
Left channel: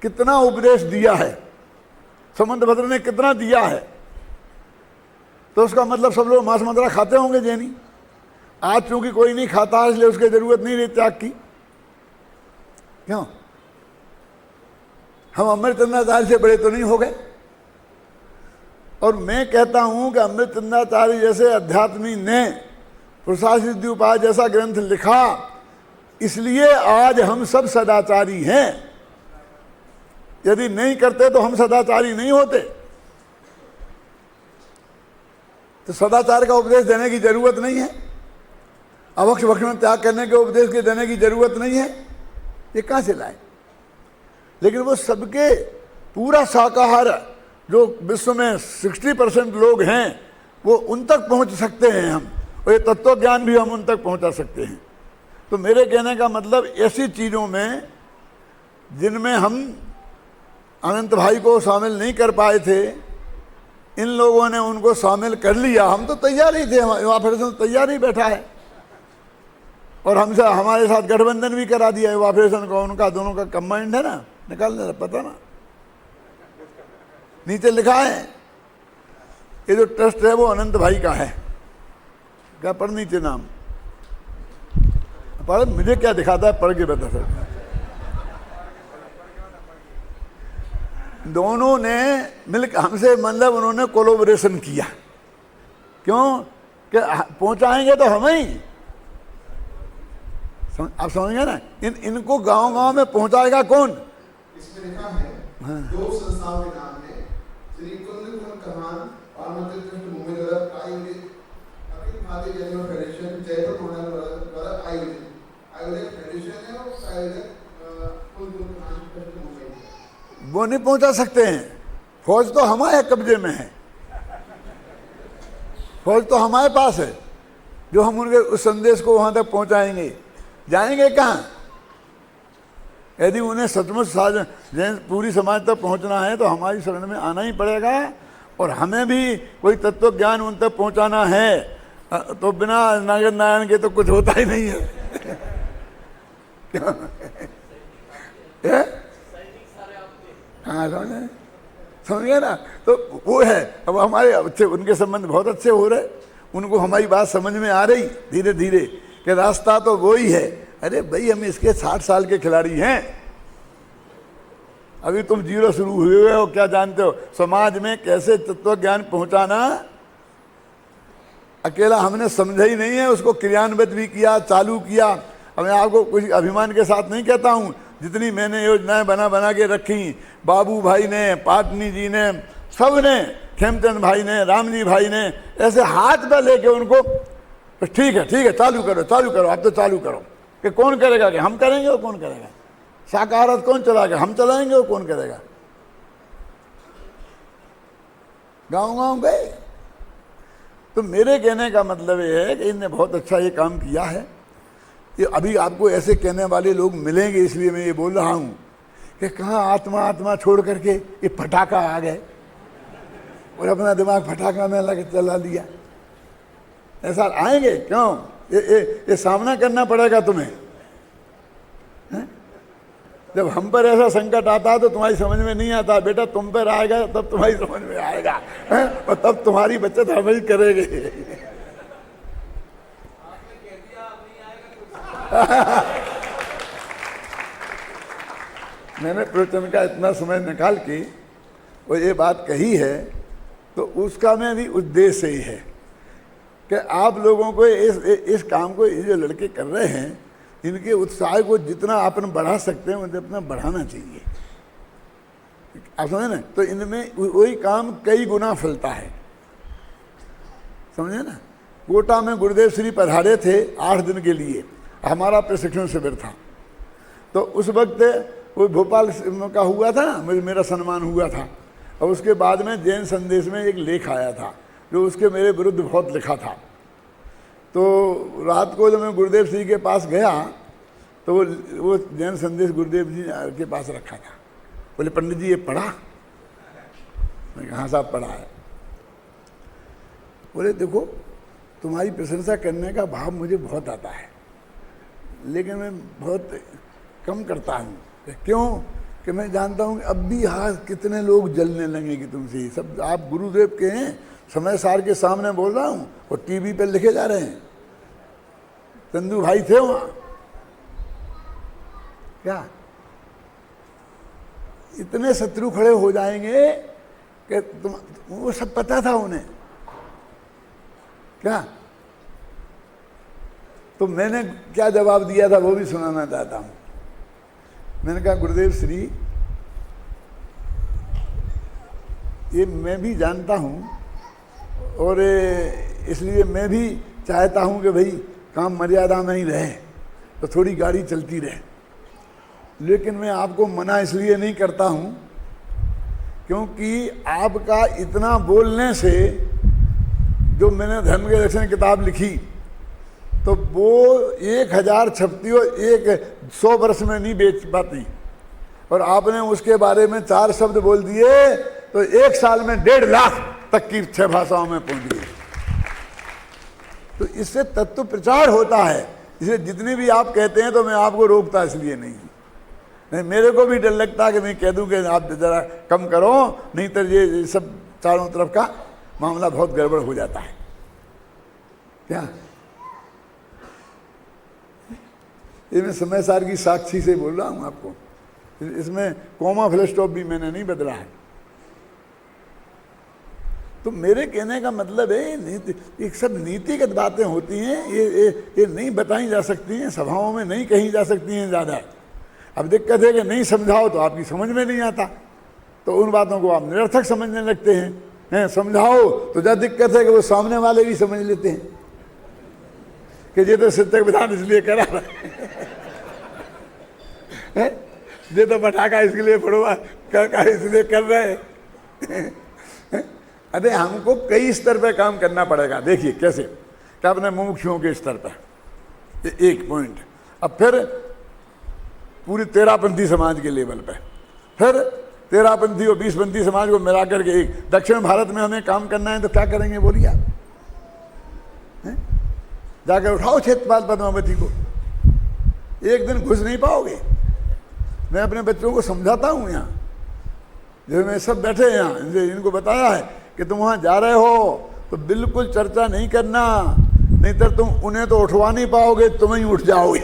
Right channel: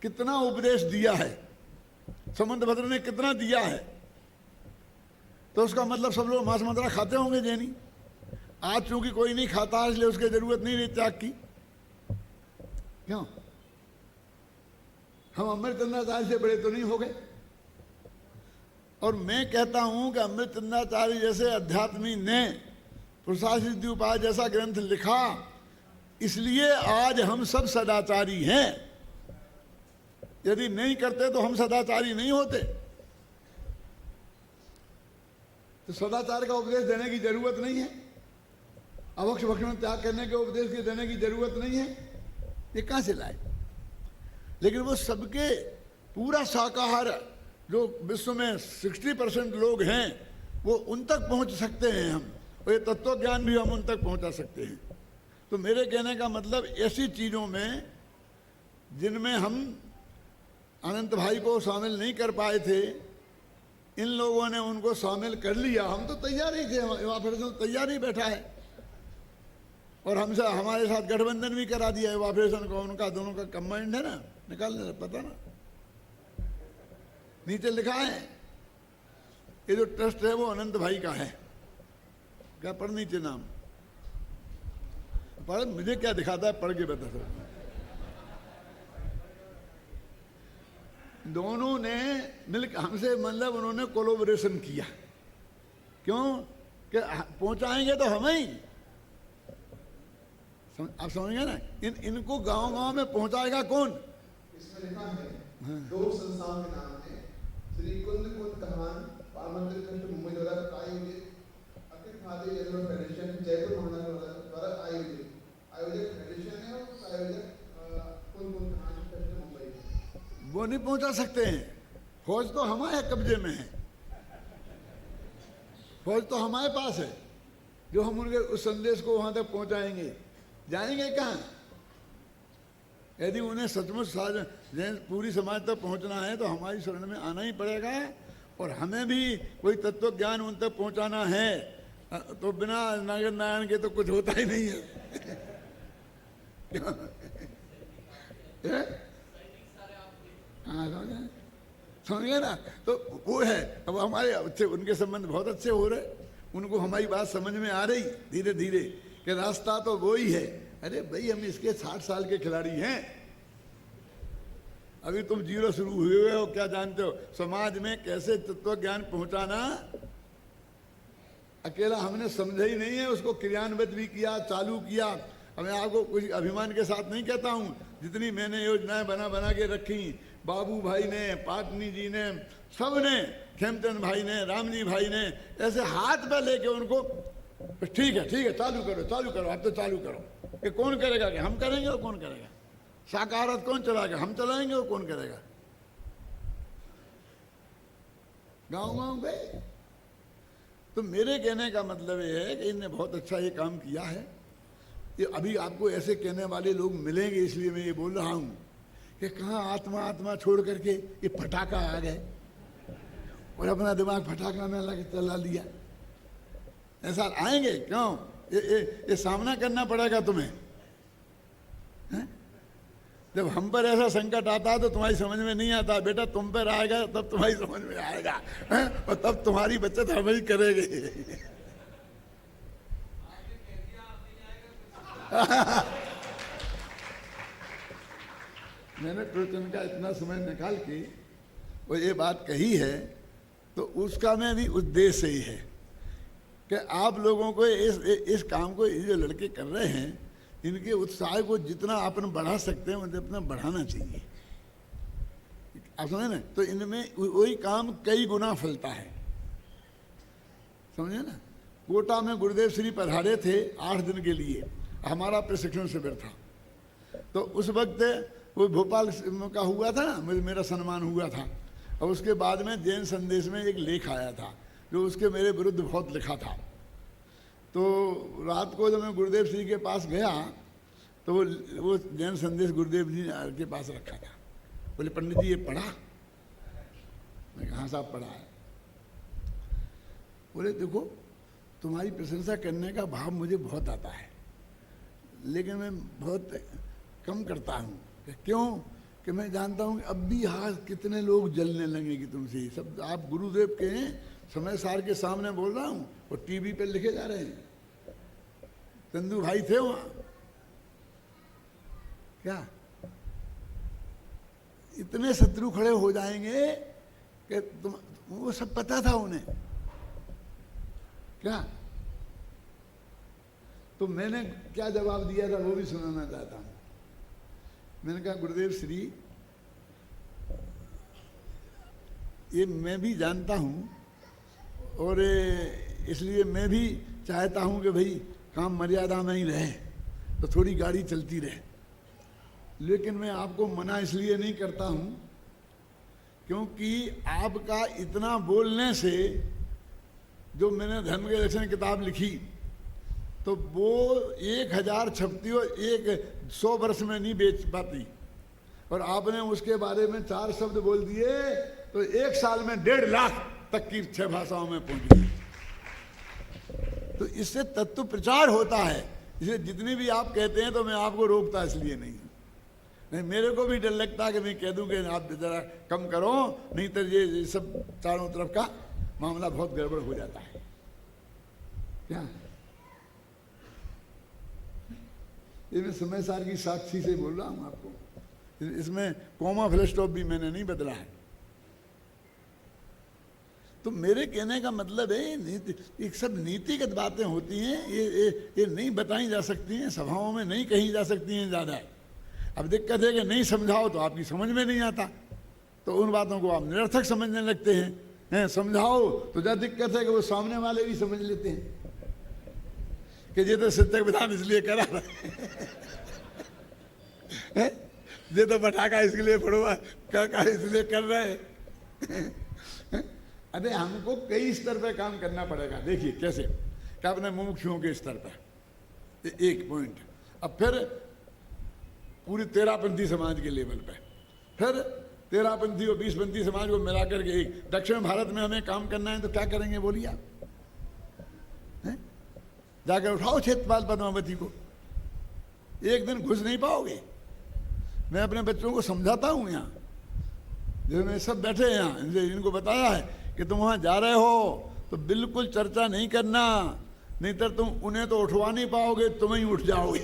कितना उपदेश दिया है, समंतभद्र ने कितना दिया है। तो उसका मतलब सब लोग मांस मदिरा खाते होंगे जैनी। आज चूंकि कोई नहीं खाता, इसलिए उसकी जरूरत नहीं रही त्याग की। क्यों? हम अमृतचंद्राचार्य से बड़े तो नहीं हो गए। और मैं कहता हूं कि अमृतचंद्राचार्य जैसे अध्यात्मी ने पुरुषार्थ सिद्धि उपाय जैसा ग्रंथ लिखा, इसलिए आज हम सब सदाचारी हैं। यदि नहीं करते तो हम सदाचारी नहीं होते। तो सदाचार का उपदेश देने की जरूरत नहीं है, अवक्ष भक्षण त्याग करने के उपदेश के देने की जरूरत नहीं है। ये कहां से लाए? लेकिन वो सबके पूरा शाकाहार जो विश्व में 60% लोग हैं, वो उन तक पहुंच सकते हैं हम, और ये तत्व ज्ञान भी हम उन तक पहुंचा सकते हैं। तो मेरे कहने का मतलब ऐसी चीज़ों में जिनमें हम अनंत भाई को शामिल नहीं कर पाए थे, इन लोगों ने उनको शामिल कर लिया। हम तो तैयार ही थे, युवा फेडरेशन तैयार ही बैठा है, और हमसे हमारे साथ गठबंधन भी करा दिया युवा फेडरेशन को। उनका दोनों का कंबाइंड है ना, निकाल दे, पता ना, नीचे लिखा है। ये जो ट्रस्ट है वो अनंत भाई का है। क्या पढ़ नीचे नाम पढ़, मुझे क्या दिखाता है, पढ़ के बता सकता। दोनों ने मिलकर हमसे, मतलब उन्होंने कोलैबोरेशन किया। क्यों? कि पहुंचाएंगे तो हम ही, आप समझेंगे ना। इनको गांव-गांव में पहुंचाएगा कौन? इसमें लिखा है, दो संस्थाओं के नाम है, श्री कुंदन कमान पार्वती ट्रस्ट मुंबई द्वारा आयोजित अखिल भारतीय जैन फेडरेशन जयपुर मंडल द्वारा आयोजित फेडरेशन है, और आयोजक कुंदन कमान ट्रस्ट मुंबई। वो नहीं पहुंचा सकते हैं। फौज तो हमारे कब्जे में है, फौज तो हमारे पास है, जो हम उनके उस संदेश को वहां तक पहुंचाएंगे। जाएंगे कहाँ? यदि उन्हें सचमुच पूरी समाज तक पहुंचना है तो हमारी शरण में आना ही पड़ेगा, और हमें भी कोई तत्व ज्ञान उन तक पहुंचाना है। तो बिना नागर नारायण के तो कुछ होता ही नहीं है। हाँ, समझिए ना। तो वो है, अब हमारे अच्छे उनके संबंध बहुत अच्छे हो रहे, उनको हमारी बात समझ में आ रही धीरे धीरे कि रास्ता तो वो ही है। अरे भाई, हम इसके 60 साल के खिलाड़ी हैं, अभी तुम जीरो शुरू हुए हो, क्या जानते हो समाज में कैसे तत्व ज्ञान पहुंचाना। अकेला हमने समझा ही नहीं है, उसको क्रियान्वित भी किया, चालू किया। अब मैं आपको कुछ अभिमान के साथ नहीं कहता हूँ, जितनी मैंने योजनाएं बना के रखी, बाबू भाई ने, पाटनी जी ने, सब ने, खेमचंद भाई ने, रामजी भाई ने, ऐसे हाथ पे लेके उनको ठीक है चालू करो, अब तो चालू करो। कि कौन करेगा, कि हम करेंगे, वो कौन करेगा? शाकाहारत कौन चलाएगा, हम चलाएंगे, वो कौन करेगा? गांव गए। तो मेरे कहने का मतलब ये है कि इनने बहुत अच्छा ये काम किया है। कि अभी आपको ऐसे कहने वाले लोग मिलेंगे, इसलिए मैं ये बोल रहा हूं कि कहाँ आत्मा छोड़ करके ये फटाका आ गए और अपना दिमाग फटाका में लग चला लिया। ऐसा आएंगे क्यों? ये सामना करना पड़ेगा तुम्हें। जब हम पर ऐसा संकट आता है तो तुम्हारी समझ में नहीं आता, बेटा तुम पर आएगा तब तुम्हारी समझ में आएगा, और तब तुम्हारी बचत हम ही करेंगे। मैंने प्रवचन का इतना समय निकाल के वो ये बात कही है, तो उसका में भी उद्देश्य ही है कि आप लोगों को इस काम को ये जो लड़के कर रहे हैं, इनके उत्साह को जितना अपन बढ़ा सकते हैं उतना बढ़ाना चाहिए। आप समझे ना? तो इनमें वही काम कई गुना फलता है, समझे ना? कोटा में गुरुदेव श्री पधारे थे 8 दिन के लिए, हमारा प्रशिक्षण शिविर था। तो उस वक्त वो भोपाल का हुआ था ना, मेरा सम्मान हुआ था। और उसके बाद में जैन संदेश में एक लेख आया था जो उसके मेरे विरुद्ध बहुत लिखा था। तो रात को जब मैं गुरुदेव श्री के पास गया तो वो जैन संदेश गुरुदेव जी के पास रखा था। बोले पंडित जी ये पढ़ा? मैं कहा साहब पढ़ा है। बोले देखो तुम्हारी प्रशंसा करने का भाव मुझे बहुत आता है, लेकिन मैं बहुत कम करता हूँ। क्यों? कि मैं जानता हूँ अब भी हाँ कितने लोग जलने लगेंगे तुमसे। सब आप गुरुदेव के हैं, समय सार के सामने बोल रहा हूँ, और टीवी पे लिखे जा रहे हैं। चंदू भाई थे वहाँ, क्या इतने शत्रु खड़े हो जाएंगे कि तुम, वो सब पता था उन्हें क्या? तो मैंने क्या जवाब दिया था वो भी सुनाना चाहता हूँ। मैंने कहा गुरुदेव श्री, ये मैं भी जानता हूँ और इसलिए मैं भी चाहता हूँ कि भाई काम मर्यादा में ही रहे, तो थोड़ी गाड़ी चलती रहे। लेकिन मैं आपको मना इसलिए नहीं करता हूँ क्योंकि आपका इतना बोलने से, जो मैंने धर्म के दर्शन किताब लिखी तो वो 1000 छपती हो, 100 वर्ष में नहीं बेच पाती, और आपने उसके बारे में 4 शब्द बोल दिए तो 1 साल में 1.5 लाख तक की 6 भाषाओं में पहुंच गई। तो इससे तत्व प्रचार होता है। इसलिए जितने भी आप कहते हैं तो मैं आपको रोकता इसलिए नहीं, मेरे को भी डर लगता है कि मैं कह दूं कि आप जरा कम करो, नहीं तो ये सब चारों तरफ का मामला बहुत गड़बड़ हो जाता है। क्या ये मैं समय सार की साक्षी से बोल रहा हूं आपको, इसमें कॉमा फुल स्टॉप भी मैंने नहीं बदला है। तो मेरे कहने का मतलब है नीति, ये सब नीतिगत बातें होती हैं, ये नहीं बताई जा सकती हैं, सभाओं में नहीं कही जा सकती हैं ज़्यादा। अब दिक्कत है कि नहीं समझाओ तो आपकी समझ में नहीं आता, तो उन बातों को आप निरर्थक समझने लगते हैं। समझाओ तो ज़्यादा दिक्कत है कि वो सामने वाले भी समझ लेते हैं कि ये तो शिक्षक विधान इसलिए करा है, ये तो पटाखा इसके लिए फोड़वा का इसलिए कर रहे हैं। अरे हमको कई स्तर पे काम करना पड़ेगा। देखिए कैसे, क्या अपने मुमुक्षुओं के स्तर पर एक पॉइंट, अब फिर पूरी 13पंथी समाज के लेवल पे, फिर 13पंथी और 20पंथी समाज को मिला करके एक दक्षिण भारत में हमें काम करना है। तो क्या करेंगे बोलिए आप? जाकर उठाओ क्षेत्रपाल पद्मावती को, एक दिन घुस नहीं पाओगे। मैं अपने बच्चों को समझाता हूँ यहाँ, जो मैं सब बैठे हैं यहाँ, इनको बताया है कि तुम वहाँ जा रहे हो तो बिल्कुल चर्चा नहीं करना, नहीं तो तुम उन्हें तो उठवा नहीं पाओगे, तुम ही उठ जाओगे।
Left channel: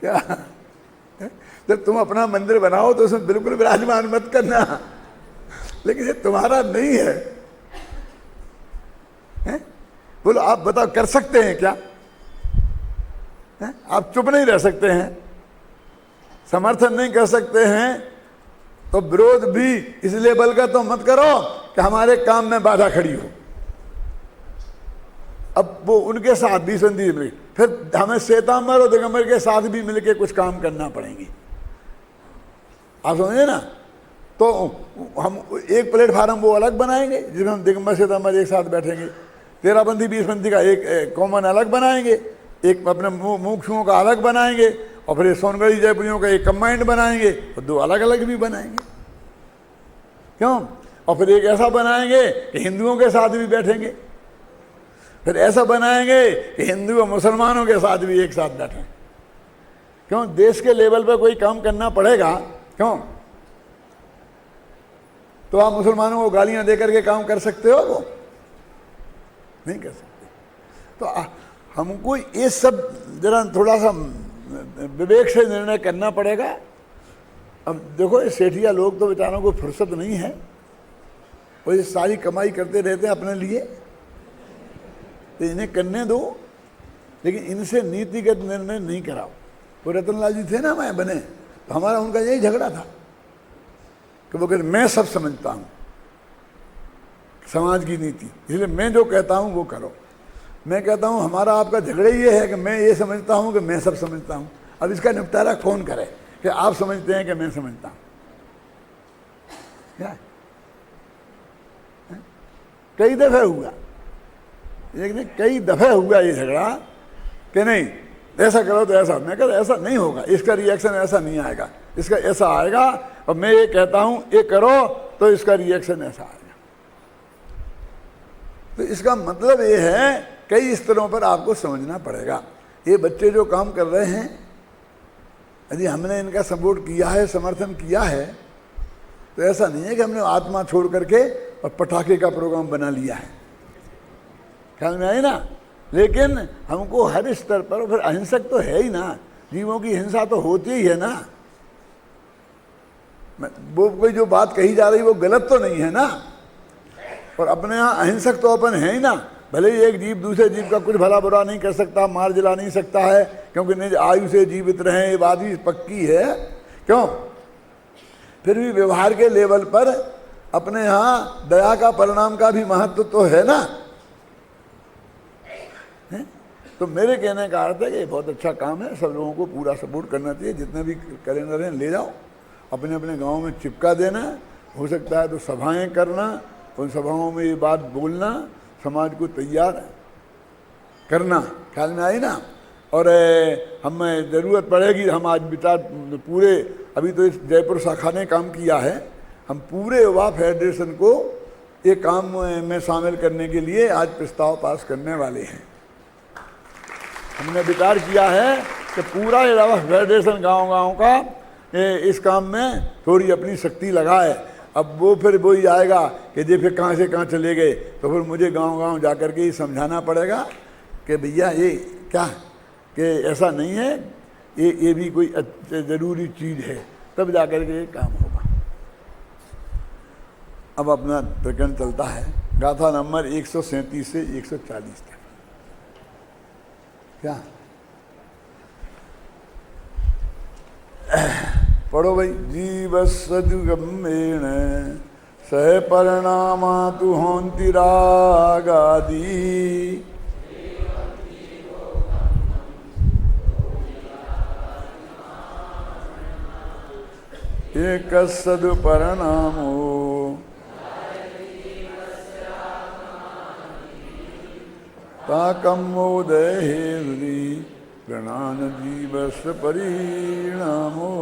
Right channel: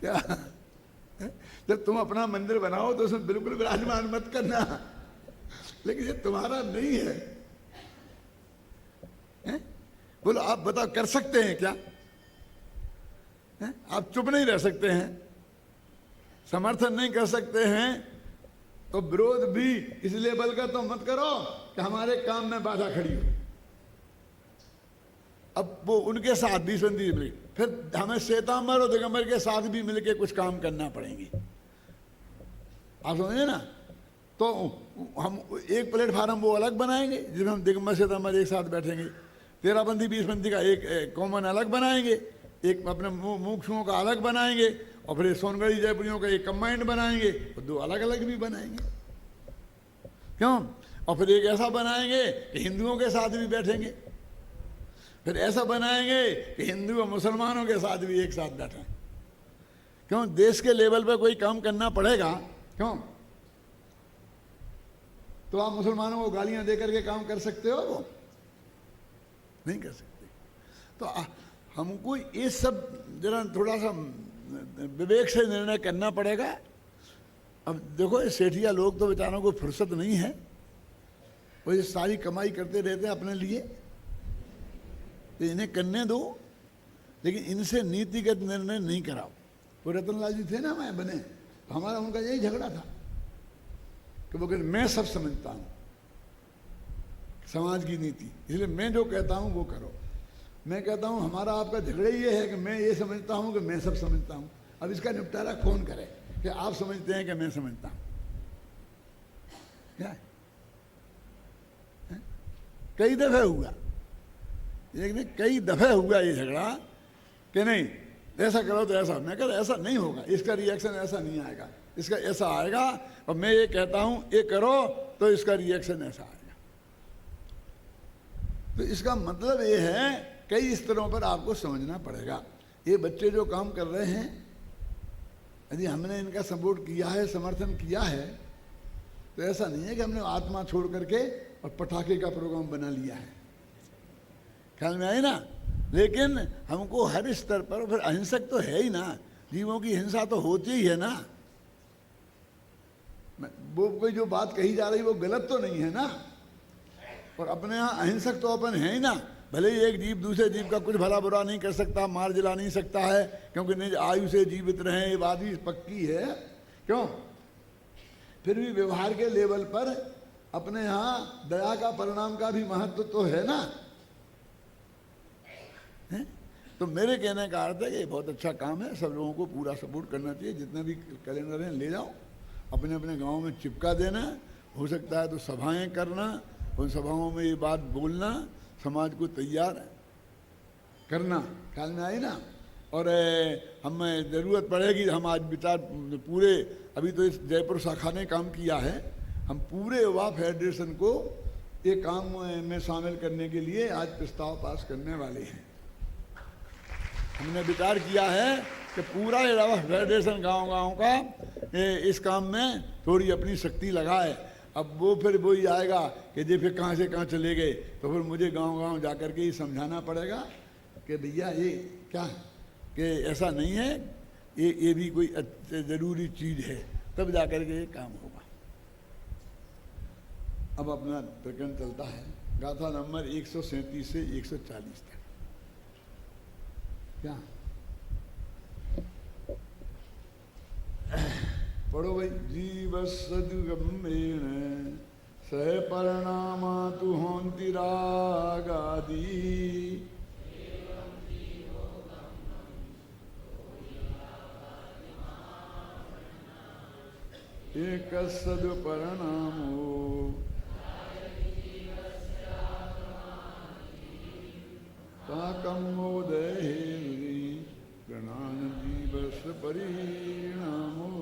क्या? जब तुम अपना मंदिर बनाओ तो उसमें बिल्कुल विराजमान मत करना, लेकिन ये तुम्हारा नहीं है, हैं? बोलो आप बताओ, कर सकते हैं क्या? हैं? आप चुप नहीं रह सकते हैं, समर्थन नहीं कर सकते हैं, तो विरोध भी इस लेवल का तो मत करो कि हमारे काम में बाधा खड़ी हो। अब वो उनके साथ भी संधि मिली, फिर हमें श्वेतांबर और दिगंबर के साथ भी मिलके कुछ काम करना पड़ेंगे, आप समझे ना। तो हम एक प्लेटफार्म वो अलग बनाएंगे जिसमें हम दिगंबर श्वेतांबर एक साथ बैठेंगे, 13पंथी 20पंथी का एक कॉमन अलग बनाएंगे, एक अपने मुख्यों का अलग बनाएंगे, और फिर सोनगढ़ी जयपुरियों का एक कंबाइंड बनाएंगे, और दो अलग अलग भी बनाएंगे, क्यों? और फिर एक ऐसा बनाएंगे कि हिंदुओं के साथ भी बैठेंगे, फिर ऐसा बनाएंगे कि हिंदू और मुसलमानों के साथ भी एक साथ बैठें। क्यों? देश के लेवल पर कोई काम करना पड़ेगा, क्यों? तो आप मुसलमानों को गालियां देकर के काम कर सकते हो? वो नहीं कर सकते। तो हमको ये सब जरा थोड़ा सा विवेक से निर्णय करना पड़ेगा। अब देखो, ये सेठिया लोग तो बेचारों को फुर्सत नहीं है, वो ये सारी कमाई करते रहते हैं अपने लिए, तो इन्हें करने दो, लेकिन इनसे नीतिगत निर्णय नहीं कराओ। वो रतनलाल जी थे ना, मैं बने, तो हमारा उनका यही झगड़ा था कि वो कहते मैं सब समझता हूँ समाज की नीति, इसलिए मैं जो कहता हूँ वो करो। मैं कहता हूँ हमारा आपका झगड़ा ये है कि मैं ये समझता हूँ कि मैं सब समझता हूँ। अब इसका निपटारा कौन करे कि आप समझते हैं कि मैं समझता हूँ? क्या है? कई दफे हुआ, लेकिन कई दफे हुआ ये झगड़ा कि नहीं ऐसा करो तो ऐसा। मैं कहता ऐसा नहीं होगा, इसका रिएक्शन ऐसा नहीं आएगा, इसका ऐसा आएगा, और मैं ये कहता हूं ये करो तो इसका रिएक्शन ऐसा आएगा। तो इसका मतलब ये है कई स्तरों पर आपको समझना पड़ेगा। ये बच्चे जो काम कर रहे हैं, यदि हमने इनका सपोर्ट किया है, समर्थन किया है, तो ऐसा नहीं है कि हमने आत्मा छोड़ करके और पटाखे का प्रोग्राम बना लिया है, ख्याल में आई ना। लेकिन हमको हर स्तर पर, फिर अहिंसक तो है ही ना, जीवों की हिंसा तो होती ही है ना। वो कोई जो बात कही जा रही वो गलत तो नहीं है ना, और अपने यहाँ अहिंसक तो अपन है ही ना। भले ही एक जीव दूसरे जीव का कुछ भला बुरा नहीं कर सकता, मार जला नहीं सकता है, क्योंकि निज आयु से जीवित रहे, ये बात भी पक्की है, क्यों? फिर भी व्यवहार के लेवल पर अपने यहाँ दया का परिणाम का भी महत्व तो है ना। तो मेरे कहने का अर्थ है कि ये बहुत अच्छा काम है, सब लोगों को पूरा सपोर्ट करना चाहिए। जितने भी कैलेंडर हैं ले जाओ, अपने अपने गांव में चिपका देना, हो सकता है तो सभाएं करना, उन सभाओं में ये बात बोलना, समाज को तैयार करना, ख्याल में आई ना। और हमें ज़रूरत पड़ेगी, हम आज विचार पूरे, अभी तो इस जयपुर शाखा ने काम किया है, हम पूरे युवा फेडरेशन को ये काम में शामिल करने के लिए आज प्रस्ताव पास करने वाले हैं। हमने विचार किया है कि पूरा युवा फेडरेशन गांव-गांव का इस काम में थोड़ी अपनी शक्ति लगाए। अब वो फिर वही आएगा कि जे फिर कहाँ से कहाँ चले गए, तो फिर मुझे गांव-गांव जा कर के ये समझाना पड़ेगा कि भैया ये क्या कि ऐसा नहीं है, ये भी कोई ज़रूरी चीज़ है, तब जा कर के ये काम होगा। अब अपना प्रकरण चलता है, गाथा नंबर 137 से 140 तक। क्या पढ़ो भाई। जीव सदुगम्येण सह परिणामा तु होन्ति रागादि एक सदुपरिणामो ताकं मोदहेरि प्रणान जीवस्य परिणामो।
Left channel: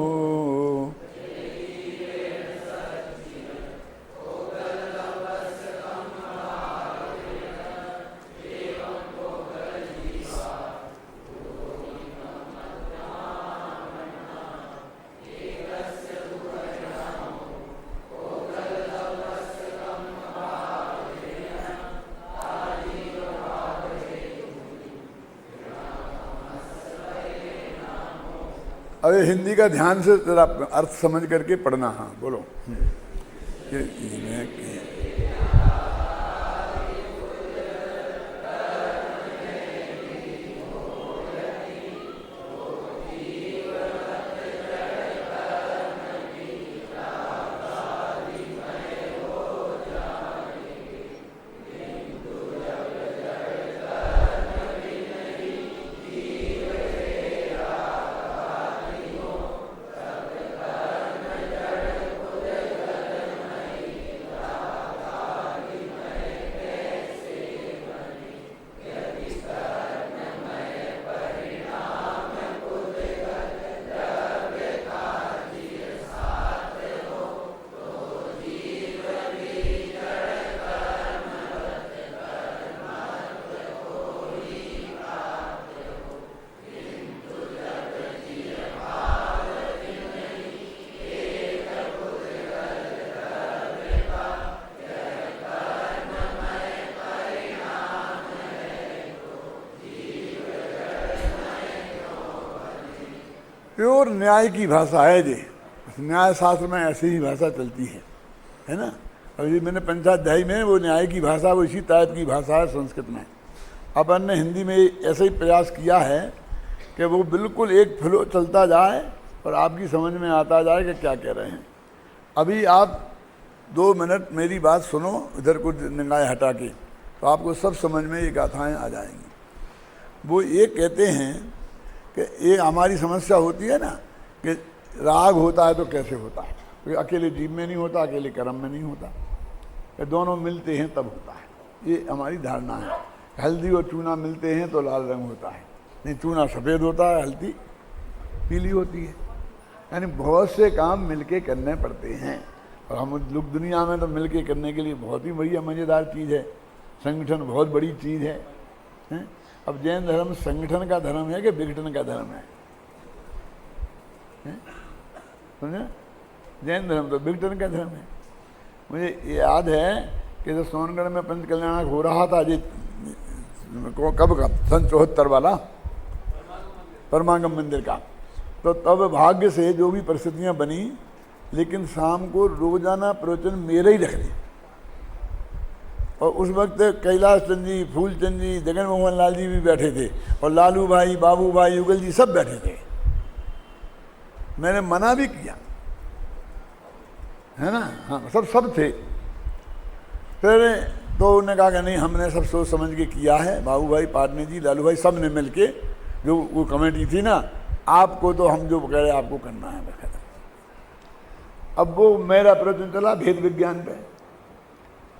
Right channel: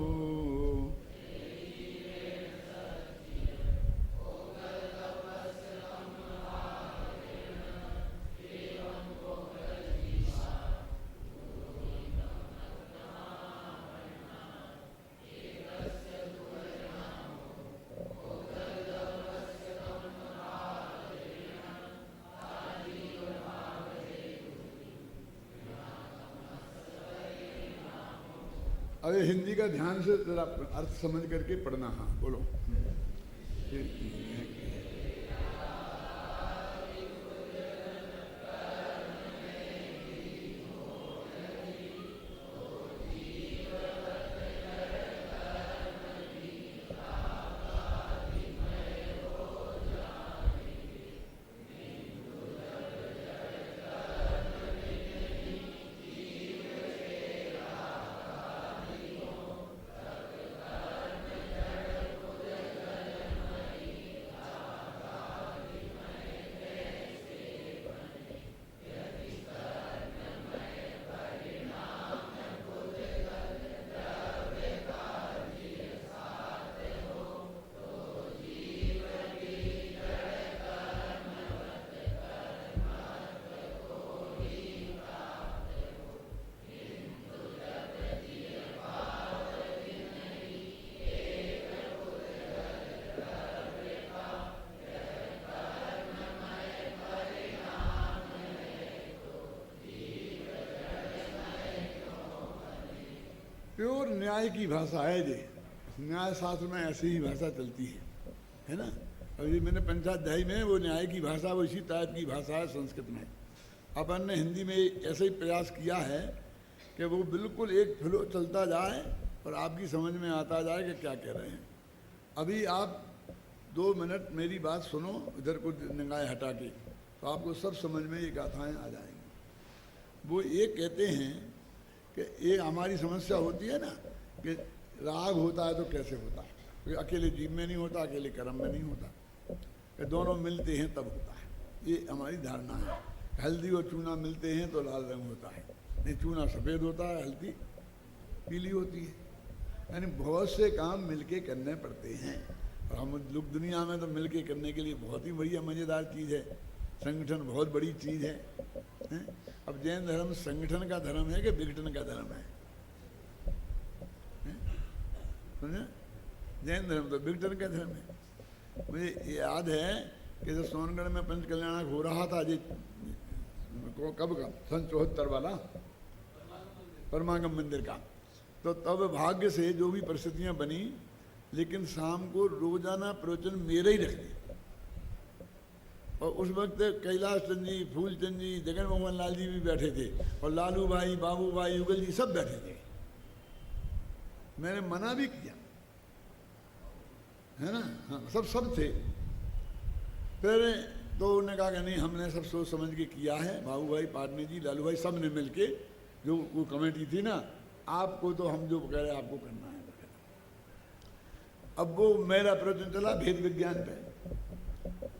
अरे हिंदी का ध्यान से जरा अर्थ समझ करके पढ़ना। हाँ बोलो। प्योर न्याय की भाषा है जी। न्याय शास्त्र में ऐसी ही भाषा चलती है ना। अभी मैंने पंचाध्यायी में वो न्याय की भाषा वो इसी टाइप की भाषा है संस्कृत में। अपन ने हिंदी में ऐसे ही प्रयास किया है कि वो बिल्कुल एक फ्लो चलता जाए और आपकी समझ में आता जाए कि क्या कह रहे हैं। अभी आप 2 मिनट मेरी बात सुनो, इधर कुछ निगाहें हटा के, तो आपको सब समझ में ये गाथाएँ आ जाएंगी। वो ये कहते हैं कि ये हमारी समस्या होती है ना कि राग होता है तो कैसे होता है, क्योंकि अकेले जीव में नहीं होता, अकेले कर्म में नहीं होता, कि दोनों मिलते हैं तब होता है। ये हमारी धारणा है। हल्दी और चूना मिलते हैं तो लाल रंग होता है, नहीं चूना सफ़ेद होता है, हल्दी पीली होती है। यानी बहुत से काम मिलके करने पड़ते हैं। और हम लोग दुनिया में तो मिलके करने के लिए बहुत ही बढ़िया मज़ेदार चीज़ है। संगठन बहुत बड़ी चीज़ है। अब जैन धर्म संगठन का धर्म है कि विघटन का धर्म है? समझे? जैन धर्म तो विघटन का धर्म है। मुझे याद है कि जब सोनगढ़ में पंच कल्याणक हो रहा था जी, कब का, सन 74 वाला परमागम मंदिर का, तो तब भाग्य से जो भी परिस्थितियां बनी, लेकिन शाम को रोजाना प्रवचन मेरे ही रख दिए। और उस वक्त कैलाश चंद जी, फूलचंद जी, जगन मोहन लाल जी भी बैठे थे, और लालू भाई, बाबू भाई, युगल जी सब बैठे थे। मैंने मना भी किया, है ना। हाँ सब थे। फिर तो उन्होंने कहा कि नहीं, हमने सब सोच समझ के किया है। बाबू भाई, पाटने जी, लालू भाई सब ने मिल के, जो वो कमेटी थी ना, आपको तो हम जो कह रहे आपको करना है। अब वो मेरा प्रवचन चला भेद विज्ञान पे,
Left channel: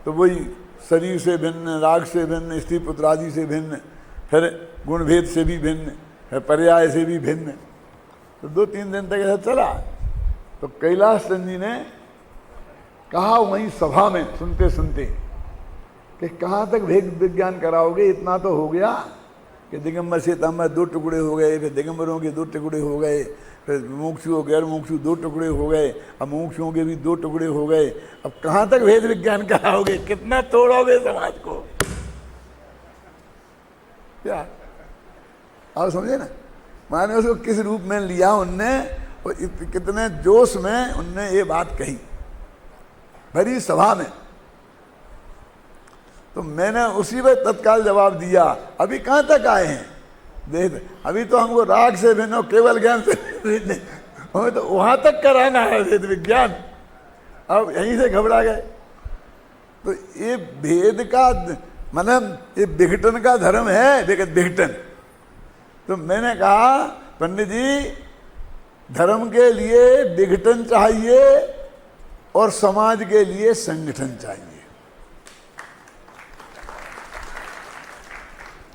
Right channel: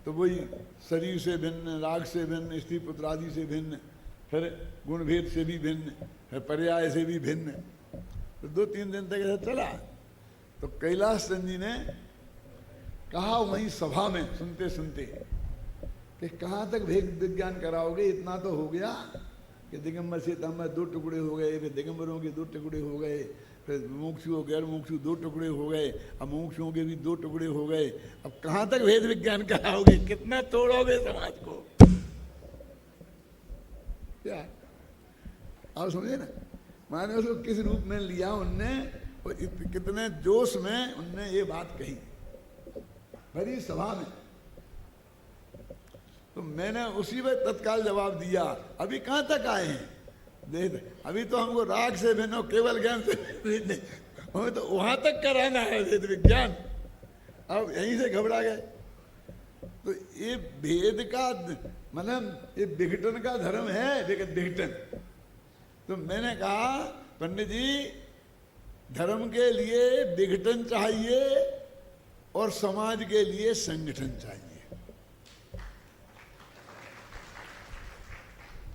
तो वही शरीर से भिन्न, राग से भिन्न, स्त्री पुत्र आदि से भिन्न, फिर गुणभेद से भी भिन्न, फिर पर्याय से भी भिन्न। तो 2-3 दिन तक ऐसा चला। तो कैलाश चंद जी ने कहा वहीं सभा में सुनते सुनते कि कहाँ तक भेद विज्ञान कराओगे, इतना तो हो गया कि दिगंबर से तांबर 2 टुकड़े हो गए, फिर दिगंबरों के 2 टुकड़े हो गए, फिर मुमुक्षु और गैर मुमुक्षु 2 टुकड़े हो गए, अब मुमुक्षुओं के भी 2 टुकड़े हो गए। अब कहाँ तक भेद विज्ञान कराओगे, कितना तोड़ोगे समाज को? क्या आप समझे ना। माने उसको किस रूप में लिया उनने, और कितने जोश में उनने ये बात कही भरी सभा में। तो मैंने उसी में तत्काल जवाब दिया, अभी कहाँ तक आए हैं देख, अभी तो हमको राग से भिन्न, केवल ज्ञान से भिन्न, हमें तो वहां तक कराना है भेद विज्ञान। अब यहीं से घबरा गए। तो ये भेद का मतलब ये विघटन का धर्म है, विघटन। तो मैंने कहा पंडित जी, धर्म के लिए विघटन चाहिए और समाज के लिए संगठन चाहिए।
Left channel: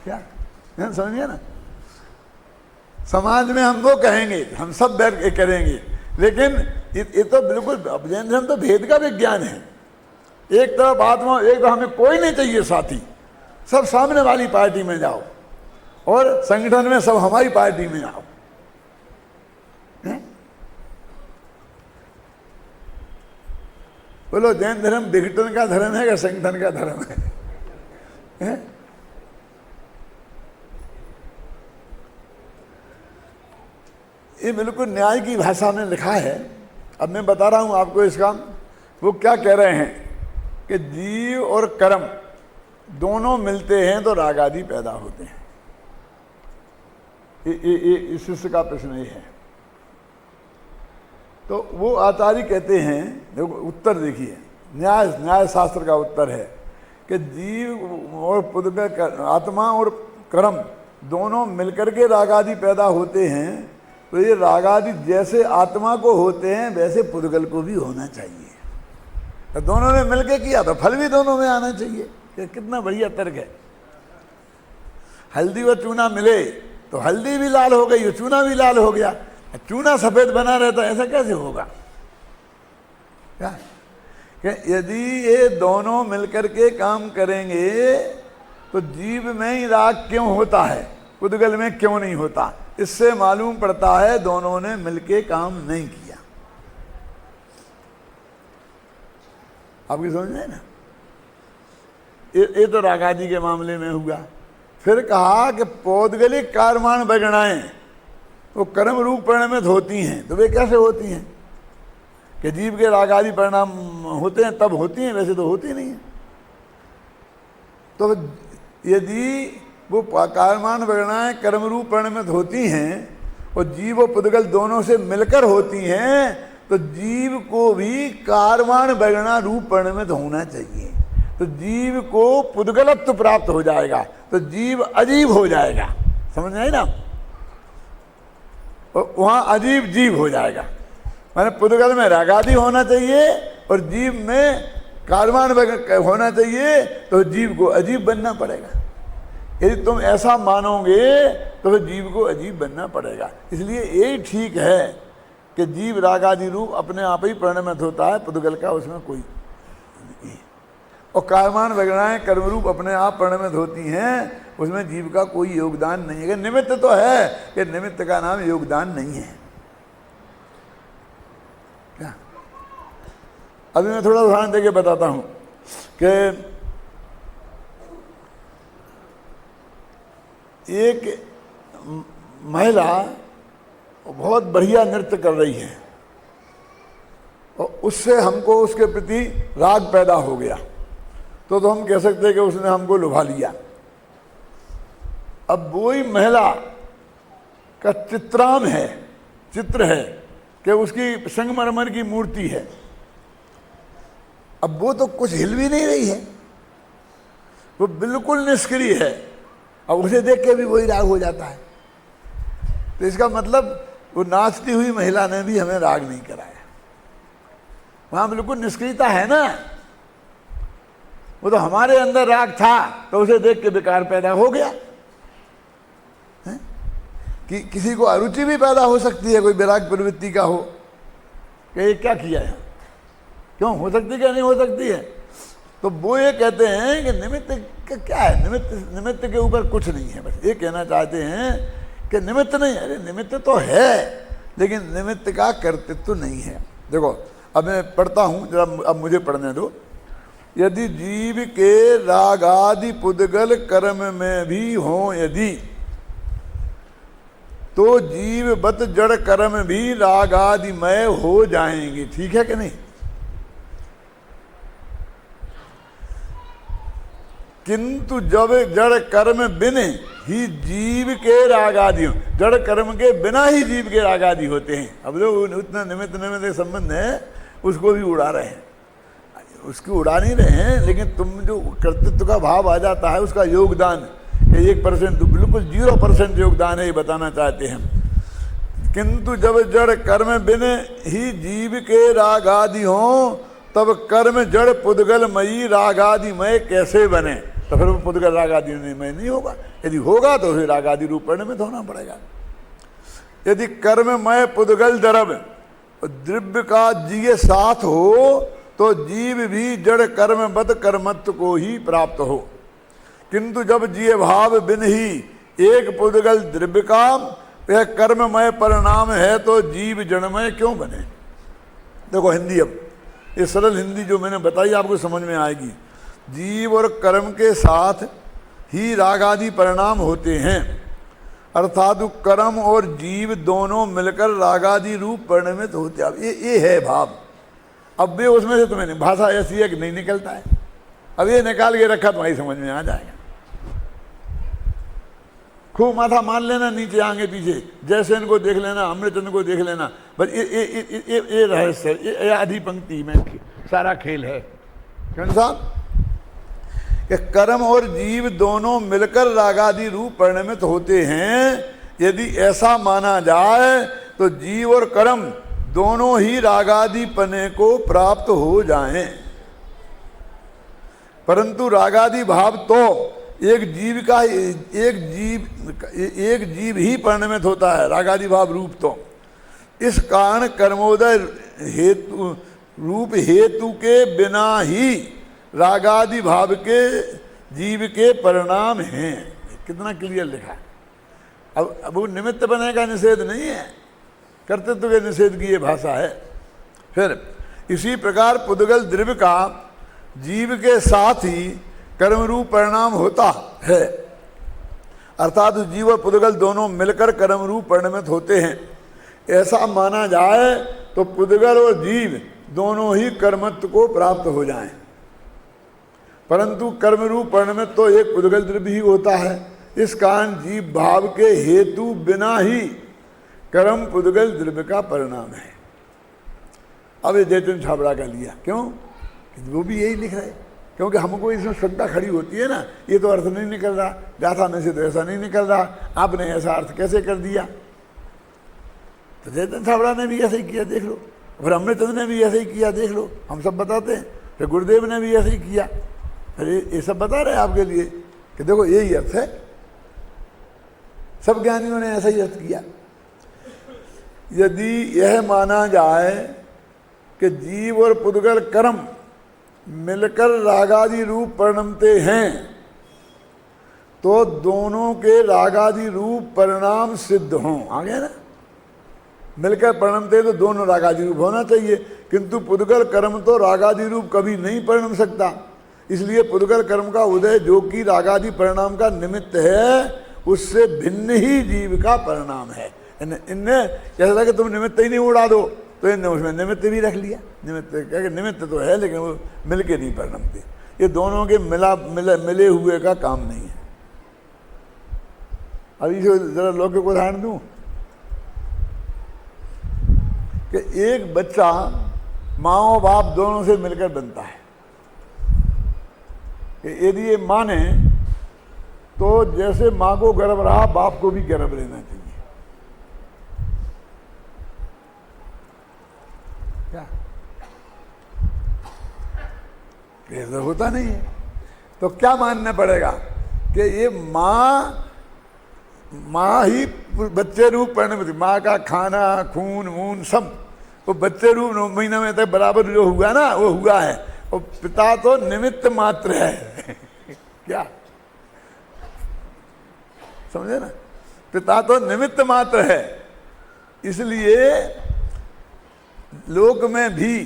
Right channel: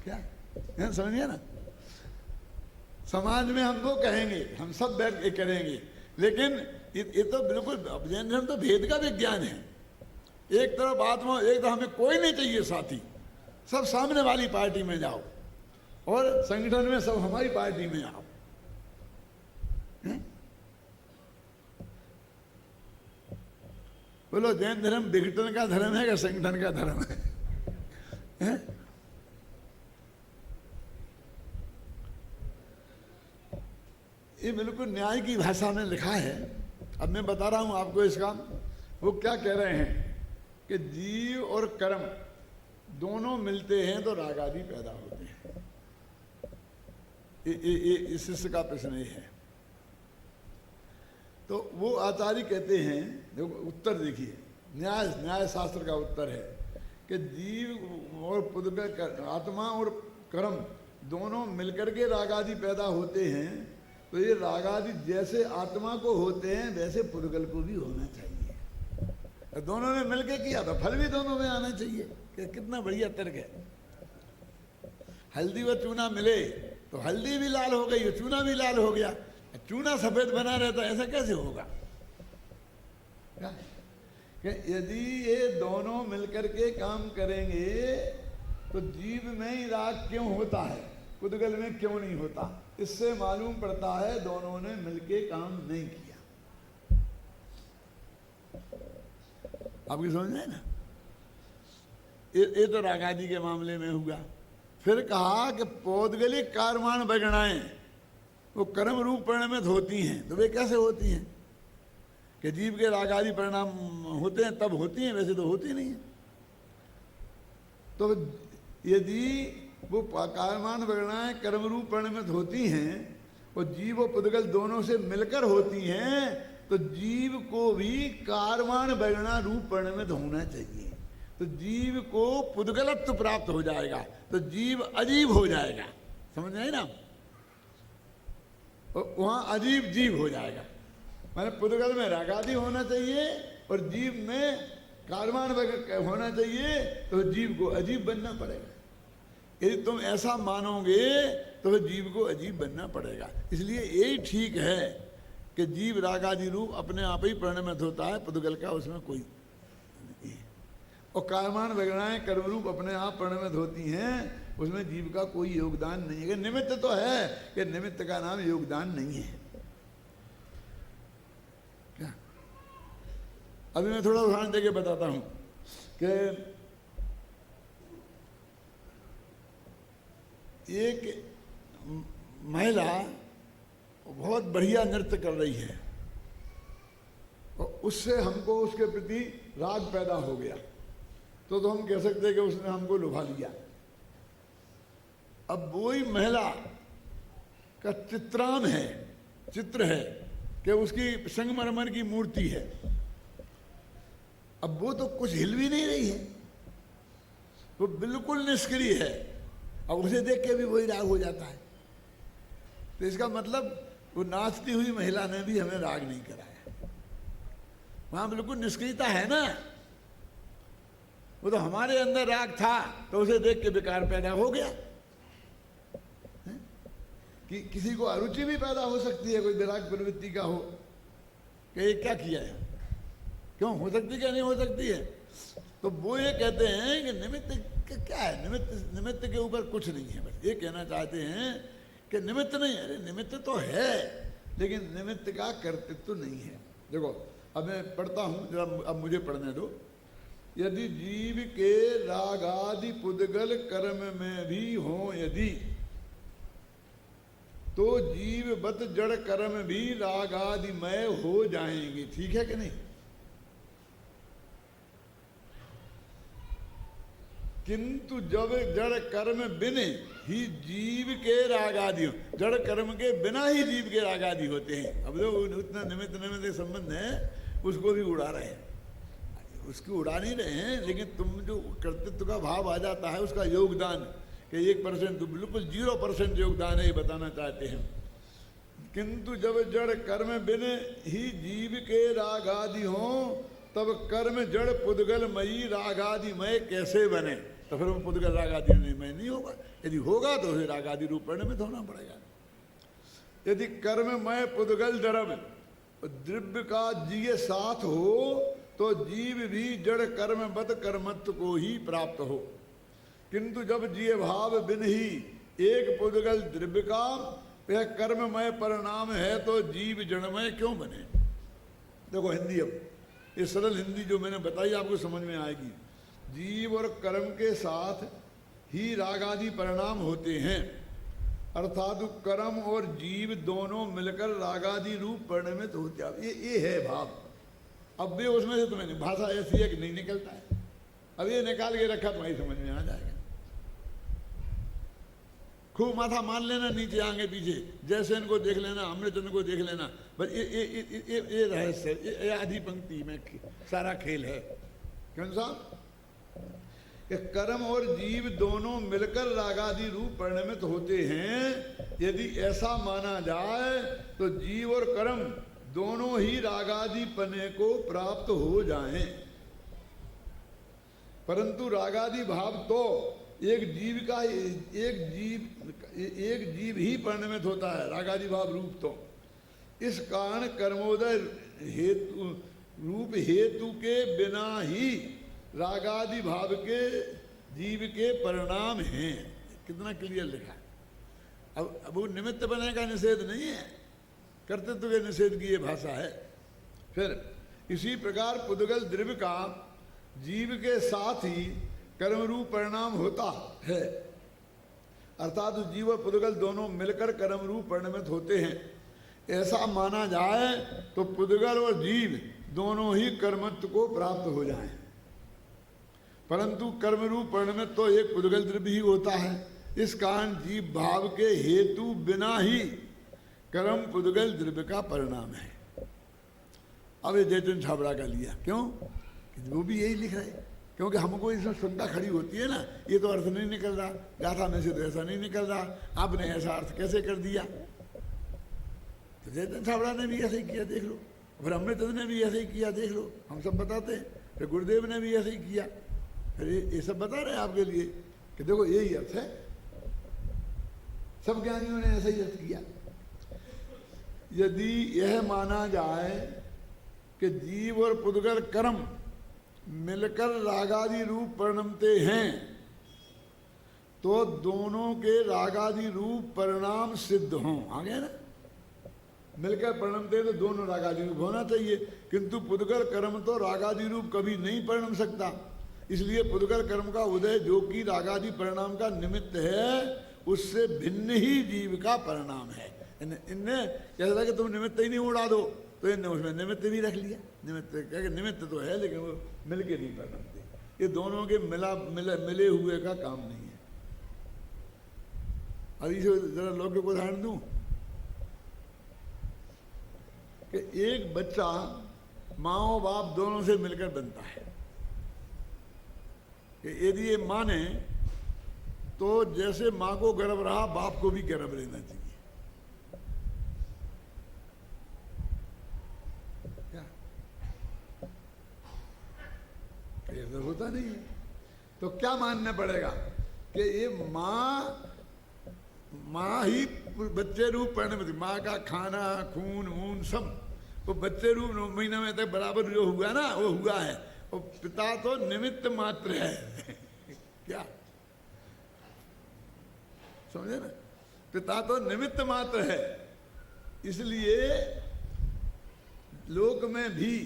क्या समझिए ना। समाज में हम वो कहेंगे, हम सब बैठ के करेंगे, लेकिन ये तो बिल्कुल जैन धर्म तो भेद का विज्ञान है। एक तरफ आत्मा, एक तरफ हमें कोई नहीं चाहिए साथी, सब सामने वाली पार्टी में जाओ, और संगठन में सब हमारी पार्टी में आओ। बोलो जैन धर्म विघटन का धर्म है या संगठन का धर्म है? ये बिल्कुल न्याय की भाषा में लिखा है। अब मैं बता रहा हूं आपको इसका। वो क्या कह रहे हैं कि जीव और कर्म दोनों मिलते हैं तो राग आदि पैदा होते हैं। इस शिष्य का प्रश्न ये है। तो वो आचार्य कहते हैं, देखो उत्तर देखिए, न्याय शास्त्र का उत्तर है कि जीव और पुद्गल, आत्मा और कर्म दोनों मिलकर के राग आदि पैदा होते हैं। तो ये राग आदि जैसे आत्मा को होते हैं वैसे पुद्गल को भी होना चाहिए। तो दोनों ने मिलके किया तो फल भी दोनों में आना चाहिए। कितना बढ़िया तर्क है। हल्दी और चूना मिले तो हल्दी भी लाल हो गई और चूना भी लाल हो गया। चूना सफेद बना रहता, ऐसा कैसे होगा? क्या कि यदि ये दोनों मिलकर के काम करेंगे तो जीव में ही राग क्यों होता है, पुद्गल में क्यों नहीं होता? इससे मालूम पड़ता है दोनों ने मिलके काम नहीं किया। आपकी समझ में ना? ये तो राग आदि के मामले में हुआ। फिर कहा कि पौद्गलिक कारमान बगणाएं वो कर्म रूप परिणमित होती हैं। तो वे कैसे होती हैं? कि जीव के राग आदि परिणाम होते हैं तब होती हैं, वैसे तो होती नहीं है। तो यदि वो कारमान बगणाएं कर्म रूप परिणमित होती हैं और जीव और पुद्गल दोनों से मिलकर होती हैं तो जीव को भी कारमान बगणा रूप परिणमित होना चाहिए। तो जीव को पुद्गलत्व प्राप्त हो जाएगा, तो जीव अजीब हो जाएगा। समझ में आई ना? वहां अजीब जीव हो जाएगा। माने पुद्गल में राग आदि होना चाहिए और जीव में कारमान होना चाहिए, तो जीव को अजीब बनना पड़ेगा। यदि तुम ऐसा मानोगे तो फिर जीव को अजीब बनना पड़ेगा। इसलिए यही ठीक है कि जीव राग आदि रूप अपने आप ही परिणमित होता है, पुद्गल का उसमें कोई, और कारमान वगैरह कर्मरूप अपने आप परिणमित होती हैं, उसमें जीव का कोई योगदान नहीं है। निमित्त तो है कि निमित्त का नाम योगदान नहीं है। क्या? अभी मैं थोड़ा उदाहरण देके बताता हूं कि एक महिला बहुत बढ़िया नृत्य कर रही है और उससे हमको उसके प्रति राग पैदा हो गया, तो हम कह सकते हैं कि उसने हमको लुभा लिया। अब वही महिला का चित्राम है, चित्र है कि उसकी संगमरमर की मूर्ति है। अब वो तो कुछ हिल भी नहीं रही है, वो बिल्कुल निष्क्रिय है, और उसे देख के भी वही राग हो जाता है। तो इसका मतलब वो नाचती हुई महिला ने भी हमें राग नहीं कराया। वहां बिल्कुल निष्क्रियता है ना। वो तो हमारे अंदर राग था तो उसे देख के विकार पैदा हो गया। कि किसी को अरुचि भी पैदा हो सकती है, कोई विराग प्रवृत्ति का हो कि ये क्या किया है, क्यों हो सकती क्या नहीं हो सकती है। तो वो ये कहते हैं कि निमित्त क्या है, निमित्त के ऊपर कुछ नहीं है। बस ये कहना चाहते हैं कि निमित्त नहीं है। अरे निमित्त तो है, लेकिन निमित्त का कर्तृत्व नहीं है। देखो अब मैं पढ़ता हूं, जरा अब मुझे पढ़ने दो। यदि जीव के रागादि पुद्गल कर्म में भी हों यदि, तो जीववत जड़ कर्म भी रागादिमय हो जाएंगे। ठीक है कि नहीं? किंतु जब जड़ कर्म बिन ही जीव के रागादि, जड़ कर्म के बिना ही जीव के रागादि होते हैं। अब जो उतना निमित्त निमित्त संबंध है उसको भी उड़ा रहे हैं, उसकी उड़ा नहीं रहे हैं, लेकिन तुम जो कर्तृत्व का भाव आ जाता है उसका योगदान 1% बिल्कुल 0% योगदान है, ये बताना चाहते हैं। किंतु जब जड़ कर्म बिन ही जीव के रागादि हों तब कर्म जड़ पुद्गलमयी रागादिमय कैसे बने? तो फिर वो पुद्गल रागादिमय नहीं होगा। यदि होगा तो फिर रागादि रूप परिणमित होना पड़ेगा। यदि कर्ममय पुद्गल द्रव्य द्रव्य का जीव साथ हो तो जीव भी जड़ कर्मबद्ध कर्मत्व को ही प्राप्त हो। किंतु जब जीव भाव बिन ही एक पुद्गल द्रव्य का यह कर्ममय परिणाम है तो जीव जड़मय क्यों बने? देखो हिंदी, अब ये सरल हिंदी जो मैंने बताई आपको समझ में आएगी। जीव और कर्म के साथ ही राग आदि परिणाम होते हैं, अर्थात कर्म और जीव दोनों मिलकर रागादि रूप परिणमित होते। अब ये है भाव। अब भी उसमें से तुम्हें भाषा ऐसी है कि नहीं निकलता है। अब ये निकाल के रखा तुम्हारी समझ में आ जाएगा। खूब माथा मान लेना, नीचे आगे पीछे, जैसे इनको देख लेना, अमृतचंद्र को देख लेना, बस ये रहस्य, ये आधी पंक्ति में सारा खेल है। क्यों साहब कि कर्म और जीव दोनों मिलकर रागादि रूप परिणमित होते हैं। यदि ऐसा माना जाए तो जीव और कर्म दोनों ही रागादि पने को प्राप्त हो जाएं। परंतु रागादि भाव तो एक जीव ही परिणमित होता है, रागादि भाव रूप तो। इस कारण कर्मोदय हेतु रूप हेतु के बिना ही रागादि भाव के जीव के परिणाम हैं। कितना क्लियर लिखा है। अब वो निमित्त बने का निषेध नहीं है, कर्तृत्व के निषेध की ये भाषा है। फिर इसी प्रकार पुद्गल द्रव्य का जीव के साथ ही कर्म रूप परिणाम होता है, अर्थात जीव और पुद्गल दोनों मिलकर कर्म रूप परिणमित होते हैं। ऐसा माना जाए तो पुद्गल और जीव दोनों ही कर्मत्व को प्राप्त हो जाएं। परंतु कर्म रूप परिणमित तो एक पुद्गल द्रव्य ही होता है। इस कारण जीव भाव के हेतु बिना ही कर्म पुद्गल द्रव्य का परिणाम है। अब ये जयचंद छाबड़ा का लिया, क्यों? वो भी यही लिखा है, क्योंकि हमको इसमें श्रद्धा खड़ी होती है ना, ये तो अर्थ नहीं निकल रहा, गाथा में से तो ऐसा नहीं निकल रहा, आपने ऐसा अर्थ कैसे कर दिया? तो जयचंद छाबड़ा ने भी ऐसे ही किया, देख लो। फिर अमृतचंद्र ने भी ऐसे ही किया, देख लो। हम सब बताते हैं। फिर गुरुदेव ने भी ऐसे ही किया। अरे ये सब बता रहे हैं आपके लिए कि देखो यही अर्थ है। सब ज्ञानियों ने ऐसा ही अर्थ किया। यदि यह माना जाए कि जीव और पुद्गल कर्म मिलकर रागादि रूप परिणमते हैं तो दोनों के रागादि रूप परिणाम सिद्ध हों। आ गया ना? मिलकर परिणमते तो दोनों रागादि रूप होना चाहिए, किंतु पुद्गल कर्म तो रागादि रूप कभी नहीं परिणम सकता। इसलिए पुद्गल कर्म का उदय जो कि रागादि परिणाम का निमित्त है, उससे भिन्न ही जीव का परिणाम है। इनने कैसा था कि तुम निमित्त ही नहीं उड़ा दो, तो इनने उसमें निमित्त भी रख लिया। निमित्त तो है लेकिन वो मिलके नहीं परिणमते। ये दोनों के मिले हुए का काम नहीं है। अब इसे जरा लौकिक उदाहरण दूं कि एक बच्चा माँ और बाप दोनों से मिलकर बनता है। कि यदि ये माने तो जैसे माँ को गर्भ रहा, बाप को भी गर्भ लेना चाहिए। क्या ऐसा होता नहीं है? तो क्या मानना पड़ेगा कि ये माँ ही बच्चे रूप परिणमित, माँ का खाना खून वून सब वो बच्चे रूप 9 महीने में तक बराबर जो हुआ ना, वो हुआ है। और पिता तो निमित्त मात्र है। क्या समझे ना? पिता तो निमित्त मात्र है। इसलिए लोक में भी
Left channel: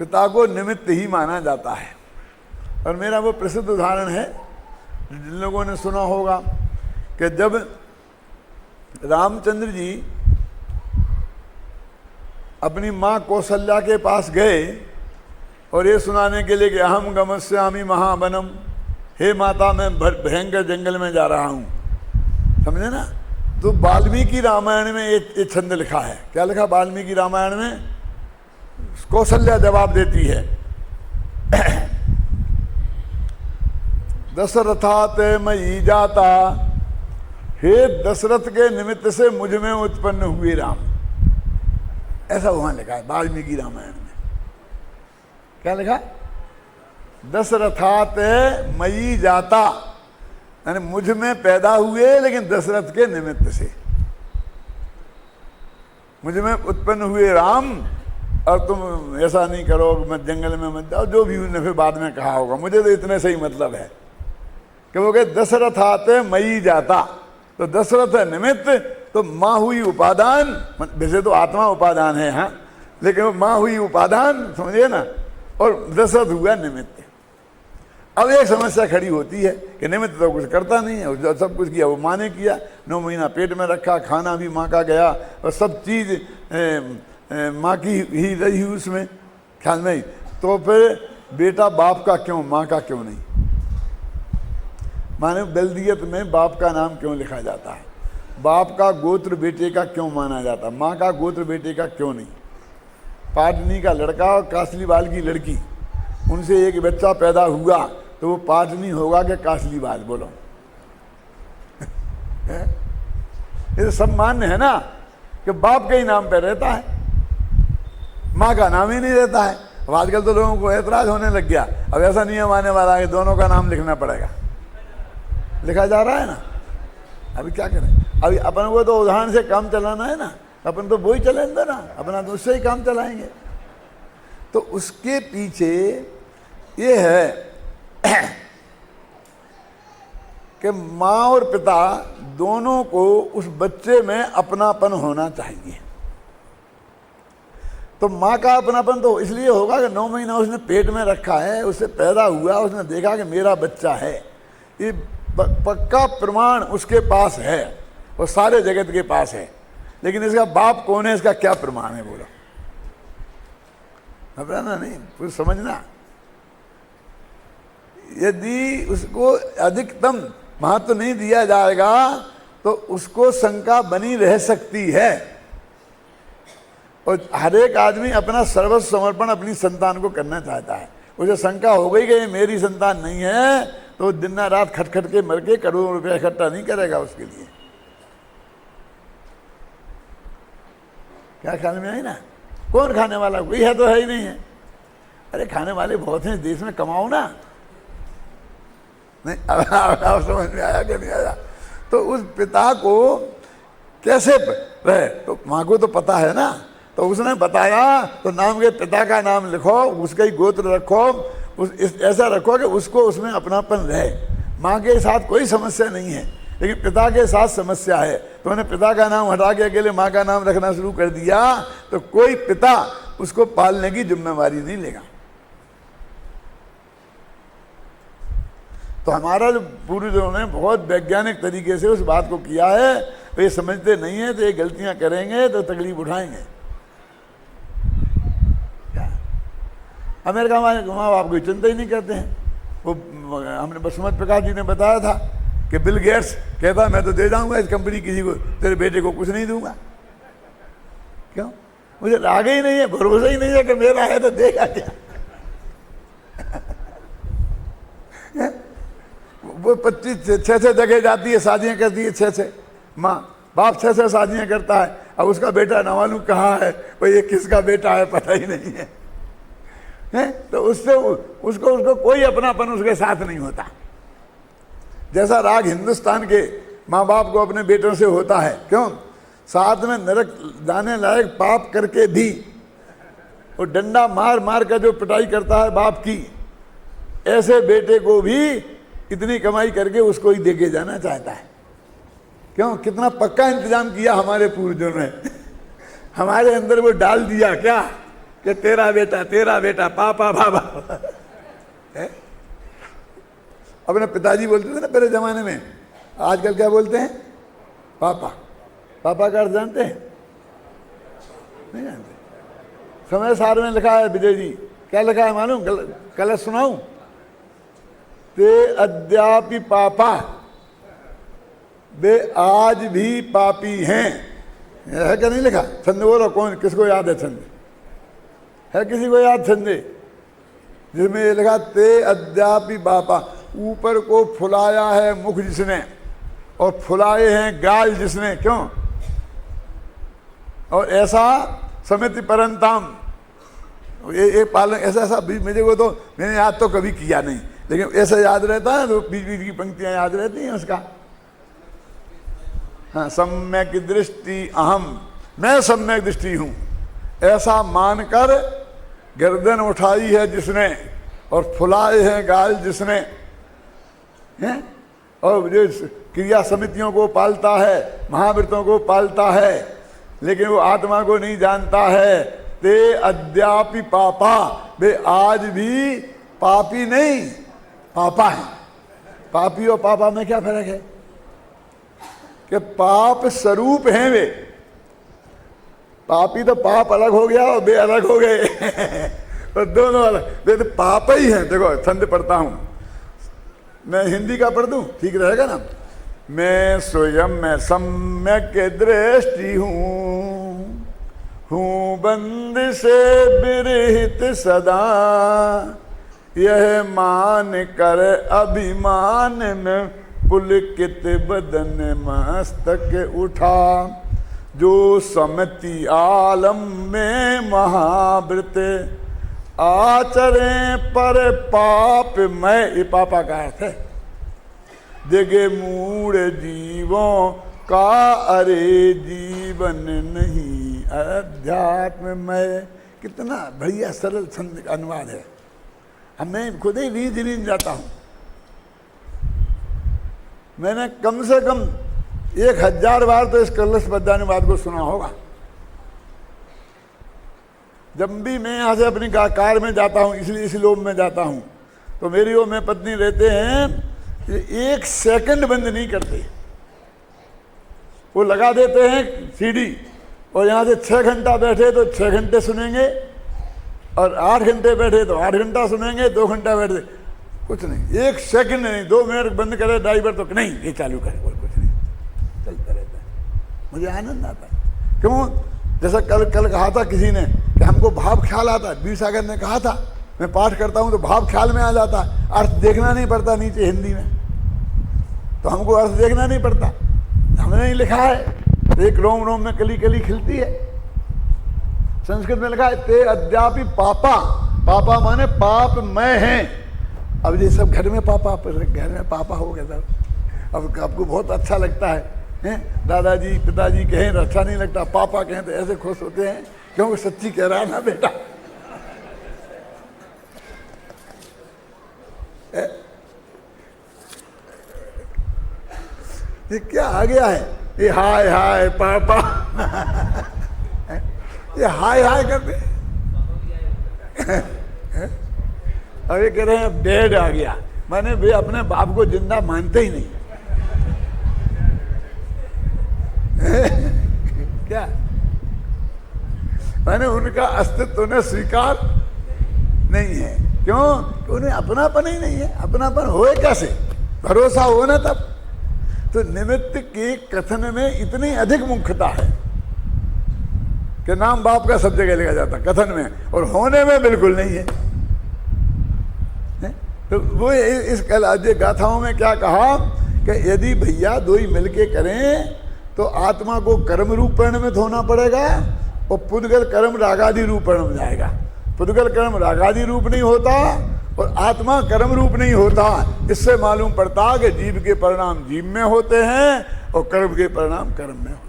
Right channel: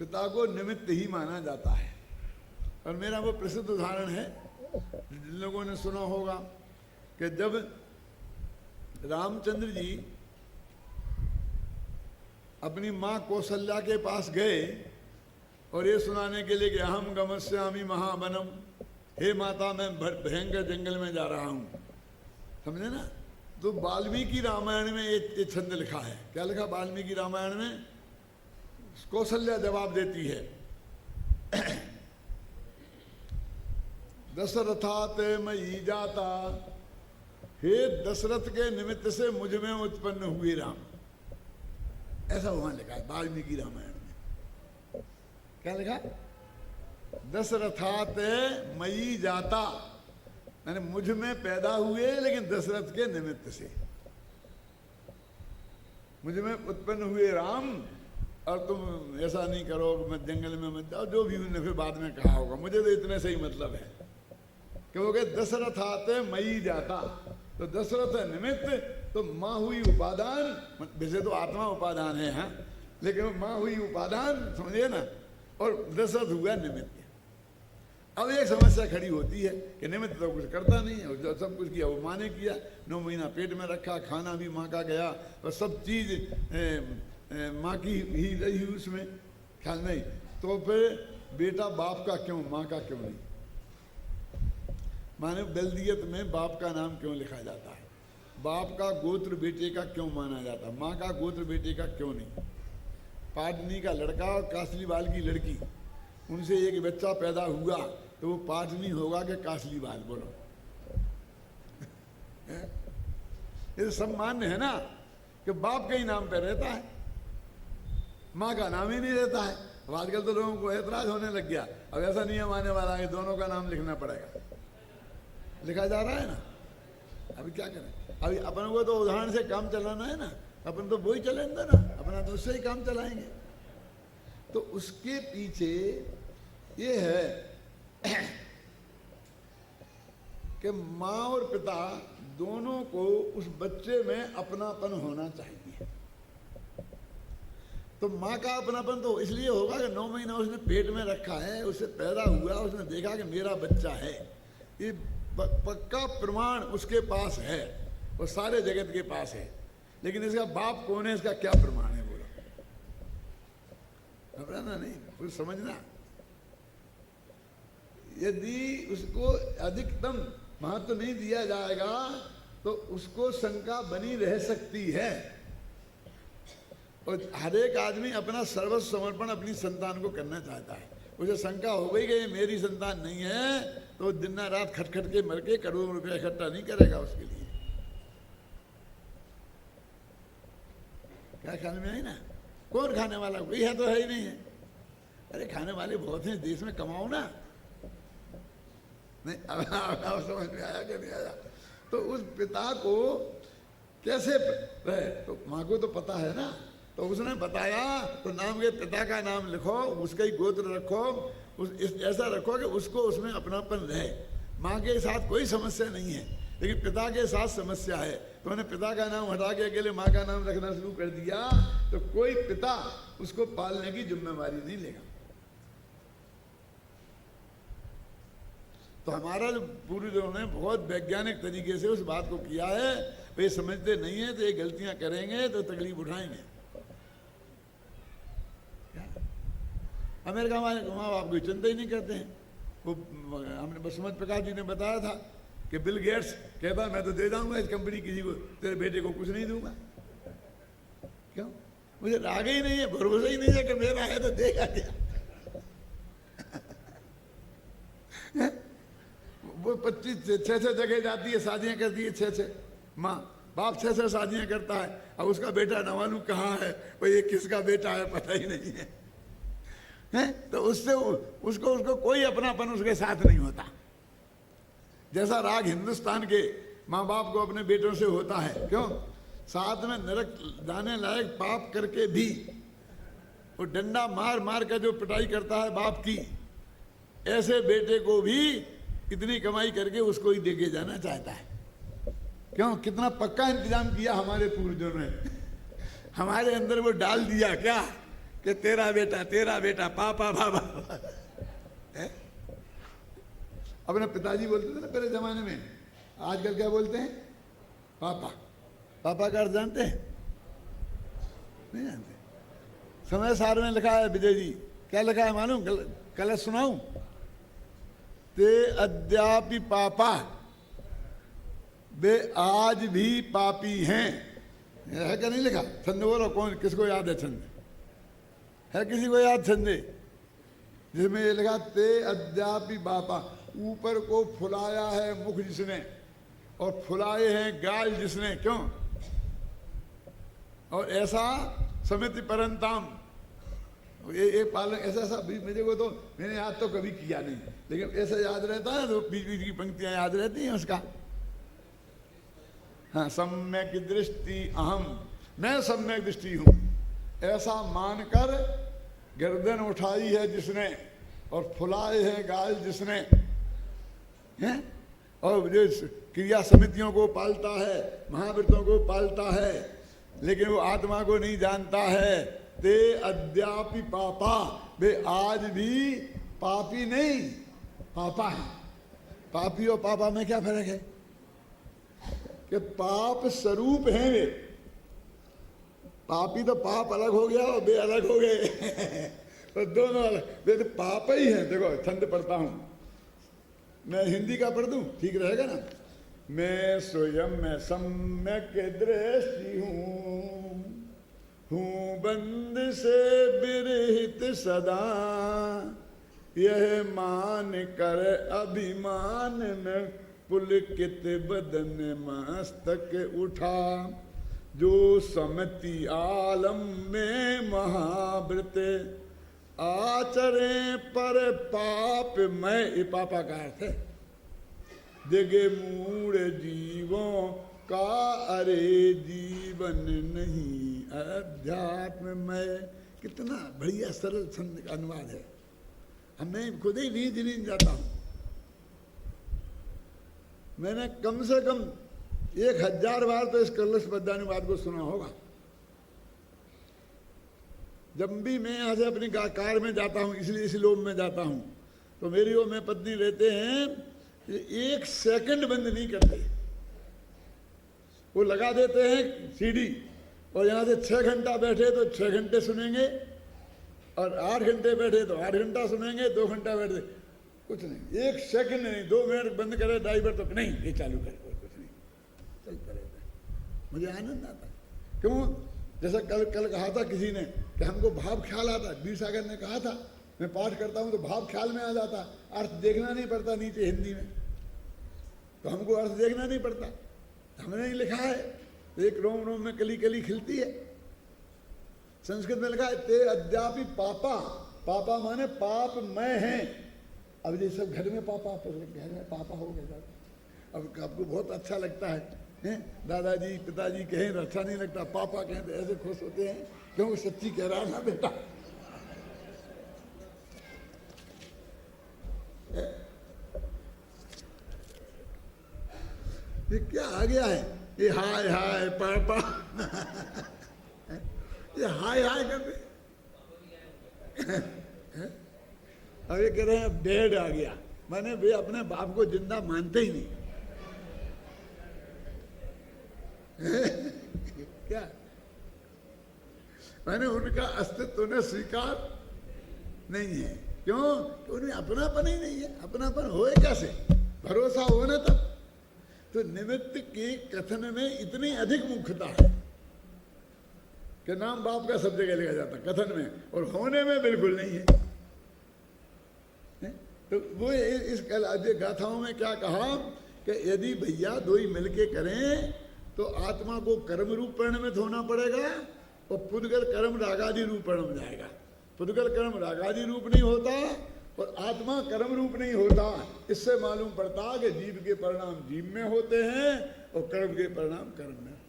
पिता को निमित्त ही माना जाता है। और मेरा वो प्रसिद्ध उदाहरण है, जिन लोगों ने सुना होगा कि जब रामचंद्र जी अपनी माँ कौशल्या के पास गए और ये सुनाने के लिए कि अहम गमस्यामि महावनम, हे माता मैं भयंकर जंगल में जा रहा हूँ, समझे ना? तो वाल्मीकि रामायण में एक छंद लिखा है। क्या लिखा वाल्मीकि रामायण में? कौशल्या जवाब देती है, दशरथात मयि जाता, हे दशरथ के निमित्त से मुझ में उत्पन्न हुए राम। ऐसा वहां लिखा है वाल्मीकि रामायण में। क्या लिखा? दशरथात मयि जाता, यानी मुझ में पैदा हुए लेकिन दशरथ के निमित्त से। मुझ में उत्पन्न हुए राम, और तुम ऐसा नहीं करो, मैं जंगल में मत जाओ, जो भी उन्होंने फिर बाद में कहा होगा। मुझे तो इतने से ही मतलब है कि वो कहे दशरथात मयि जाता, तो दशरथ है निमित्त, तो माँ हुई उपादान। वैसे तो आत्मा उपादान है, हाँ, लेकिन वो माँ हुई उपादान, समझिए ना, और दशरथ हुआ निमित्त। अब एक समस्या खड़ी होती है कि निमित्त तो कुछ करता नहीं है, जो सब कुछ किया वो माँ ने किया, 9 महीना पेट में रखा, खाना भी माँ का गया और सब चीज़ माँ की ही रही उसमें, ख्याल नहीं। तो फिर बेटा बाप का क्यों, माँ का क्यों नहीं? माने बल्दियत में बाप का नाम क्यों लिखा जाता है? बाप का गोत्र बेटे का क्यों माना जाता, माँ का गोत्र बेटे का क्यों नहीं? पाटनी का लड़का और कासलीवाल की लड़की, उनसे एक बच्चा पैदा हुआ तो वो पाटनी होगा कि कासलीवाल? बोलो। ये तो सब मान्य है ना कि बाप के ही नाम पे रहता है, माँ का नाम ही नहीं रहता है। अब आजकल तो लोगों को ऐतराज होने लग गया, अब ऐसा नियम आने वाला है दोनों का नाम लिखना पड़ेगा। लिखा जा रहा है ना, अभी क्या करें? अभी अपन को तो उदाहरण से काम चलाना है ना, अपन तो वही चलेंगे ना, अपना तो उससे ही काम चलाएंगे। तो उसके पीछे ये है कि माँ और पिता दोनों को उस बच्चे में अपनापन होना चाहिए। तो माँ का अपनापन तो इसलिए होगा कि 9 महीना उसने पेट में रखा है, उससे पैदा हुआ, उसने देखा कि मेरा बच्चा है, ये पक्का प्रमाण उसके पास है और सारे जगत के पास है। लेकिन इसका बाप कौन है, इसका क्या प्रमाण है? बोलो, घबराना नहीं, कुछ समझना। यदि उसको अधिकतम महत्व नहीं दिया जाएगा तो उसको शंका बनी रह सकती है। और हर एक आदमी अपना सर्वस्व समर्पण अपनी संतान को करना चाहता है। उसे शंका हो गई कि ये मेरी संतान नहीं है तो दिन रात खटखट के मर के करोड़ों रुपया इकट्ठा नहीं करेगा उसके लिए। क्या ख्याल में आई ना? कौन खाने वाला? कोई है तो है ही नहीं है। अरे खाने वाले बहुत हैं देश में, कमाओ ना। नहीं अब समझ में आया कि नहीं आया? तो उस पिता को कैसे रहे, तो माँ को तो पता है ना, तो उसने बताया तो नाम के पिता का नाम लिखो, उसका ही गोत्र रखो, ऐसा रखो कि उसको उसमें अपनापन रहे। माँ के साथ कोई समस्या नहीं है, लेकिन पिता के साथ समस्या है। तो उन्हें पिता का नाम हटा के अकेले माँ का नाम रखना शुरू कर दिया तो कोई पिता उसको पालने की जिम्मेवारी नहीं लेगा। तो हमारा जो पूर्वजों ने बहुत वैज्ञानिक तरीके से उस बात को किया है, तो ये समझते नहीं है तो ये गलतियां करेंगे तो तकलीफ उठाएंगे। अमेरिका में माँ बाप को चिंता ही नहीं करते हैं। वो हमने बसुमत प्रकाश जी ने बताया था कि बिल गेट्स कहता मैं तो दे जाऊंगा इस कंपनी किसी को, तेरे बेटे को कुछ नहीं दूंगा। क्यों? मुझे राग ही नहीं है, भरोसा ही नहीं है कि मेरा है तो देगा क्या। वो 25-6 जगह जाती है, शादियां करती है 6 माँ बाप 6 शादियां करता है। अब उसका बेटा न मालूम कहाँ है, वो ये किसका बेटा है पता ही नहीं है। तो उससे उसको कोई अपनापन उसके साथ नहीं होता। जैसा राग हिंदुस्तान के माँ बाप को अपने बेटों से होता है। क्यों? साथ में नरक जाने लायक पाप करके भी वो डंडा मार मार कर जो पिटाई करता है बाप की, ऐसे बेटे को भी इतनी कमाई करके उसको ही देके जाना चाहता है। क्यों? कितना पक्का इंतजाम किया हमारे पूर्वजों ने। हमारे अंदर वो डाल दिया क्या कि तेरा बेटा पापा बाबा। अपने पिताजी बोलते थे ना पहले जमाने में, आजकल क्या बोलते हैं? पापा। पापा का अर्थ जानते हैं? नहीं जानते। समय सार में लिखा है विजय जी, क्या लिखा है मालूम? कल सुनाऊं? ते अद्यापि पापा, वे आज भी पापी हैं। है क्या नहीं लिखा? छंद बोलो, कौन किसको याद है छंद? है किसी को याद छंद जिसमें ये लिखा ते अद्यापि पापा? ऊपर को फुलाया है मुख जिसने और फुलाए हैं गाल जिसने। क्यों? और ऐसा समिति परंताम, ये पालन ऐसा मेरे को तो मैंने याद तो कभी किया नहीं, लेकिन ऐसा याद रहता है तो बीच बीच की पंक्तियां याद रहती हैं उसका। हाँ, सम्यक दृष्टि अहम, मैं सम्यक दृष्टि हूं, ऐसा मानकर गर्दन उठाई है जिसने और फुलाए हैं गाल जिसने है? और जो क्रिया समितियों को पालता है, महाव्रतों को पालता है, लेकिन वो आत्मा को नहीं जानता है। ते अद्यापि पापा, वे आज भी पापी नहीं, पापा है। पापी और पापा में क्या फर्क है कि पाप स्वरूप हैं वे। पापी तो पाप अलग हो गया और वे अलग हो गए तो दोनों अलग, वे तो पाप ही हैं। देखो छंद पढ़ता हूं मैं, हिंदी का पढ़ दूं ठीक रहेगा ना। मैं स्वयं में सम्यक दृष्टि हूँ बंद से विरहित सदा, यह मान कर अभिमान में पुलकित बदन मस्तक उठा। जो समति आलम में महाव्रत आचरे पर पाप मैं, ये पापा का अर्थ है, देगे मूढ़ जीवों का अरे जीवन नहीं अध्यात्म में। कितना बढ़िया सरल छंद का अनुवाद है। अब मैं खुद ही नींद नींद जाता हूं। मैंने कम से कम 1000 बार तो इस कलश पद्यानुवाद को सुना होगा। जब भी मैं यहाँ से अपनी कार में जाता हूँ, इसलिए इस लोम में जाता हूँ, तो मेरी और मैं पत्नी रहते हैं, ये 1 सेकंड बंद नहीं करते। वो लगा देते हैं सीडी, और यहाँ से 6 घंटा बैठे तो 6 घंटे सुनेंगे, और 8 घंटे बैठे तो 8 घंटा सुनेंगे, 2 घंटा बैठे कुछ नहीं, 1 सेकंड नहीं। 2 मिनट बंद करे ड्राइवर तो नहीं, ये चालू करे, कुछ नहीं, चलता रहता है। मुझे आनंद आता है। क्यों? जैसा कल कहा था किसी ने कि हमको भाव ख्याल आता है। वीर सागर ने कहा था, मैं पाठ करता हूं तो भाव ख्याल में आ जाता है, अर्थ देखना नहीं पड़ता नीचे हिंदी में, तो हमको अर्थ देखना नहीं पड़ता। हमने ही लिखा है, एक रोम रोम में कली कली खिलती है। संस्कृत में लिखा है, ते अद्यापि पापा, पापा माने पाप मैं हैं। अब ये सब घर में पापा हो गया था। अब आपको बहुत अच्छा लगता है, दादाजी पिताजी कहें तो अच्छा नहीं लगता, पापा कहें तो ऐसे खुश होते हैं, क्योंकि सच्ची कह रहा ना बेटा। ये क्या आ गया है, ये हाय हाय पापा ये हाय हाय करते अब ये कह रहे हैं डेड आ गया, माने वे अपने बाप को जिंदा मानते ही नहीं। क्या मैंने उनका अस्तित्व उन्हें स्वीकार नहीं है। क्यों? उन्हें अपनापन ही नहीं है। अपनापन होए कैसे? भरोसा हो ना तब। तो निमित्त के कथन में इतनी अधिक मुख्यता है कि नाम बाप का सब जगह लिखा जाता कथन में, और होने में बिल्कुल नहीं है। तो वो इस कलाद्य गाथाओं में क्या कहा कि यदि भैया दो ही मिलके करें तो आत्मा को कर्म रूप परिणमित होना पड़ेगा, और पुद्गल कर्म रागादि रूप परिणम जाएगा। पुद्गल कर्म रागादि रूप नहीं होता और आत्मा कर्म रूप नहीं होता। इससे मालूम पड़ता कि जीव के परिणाम जीव में होते हैं और कर्म के परिणाम कर्म में होते हैं।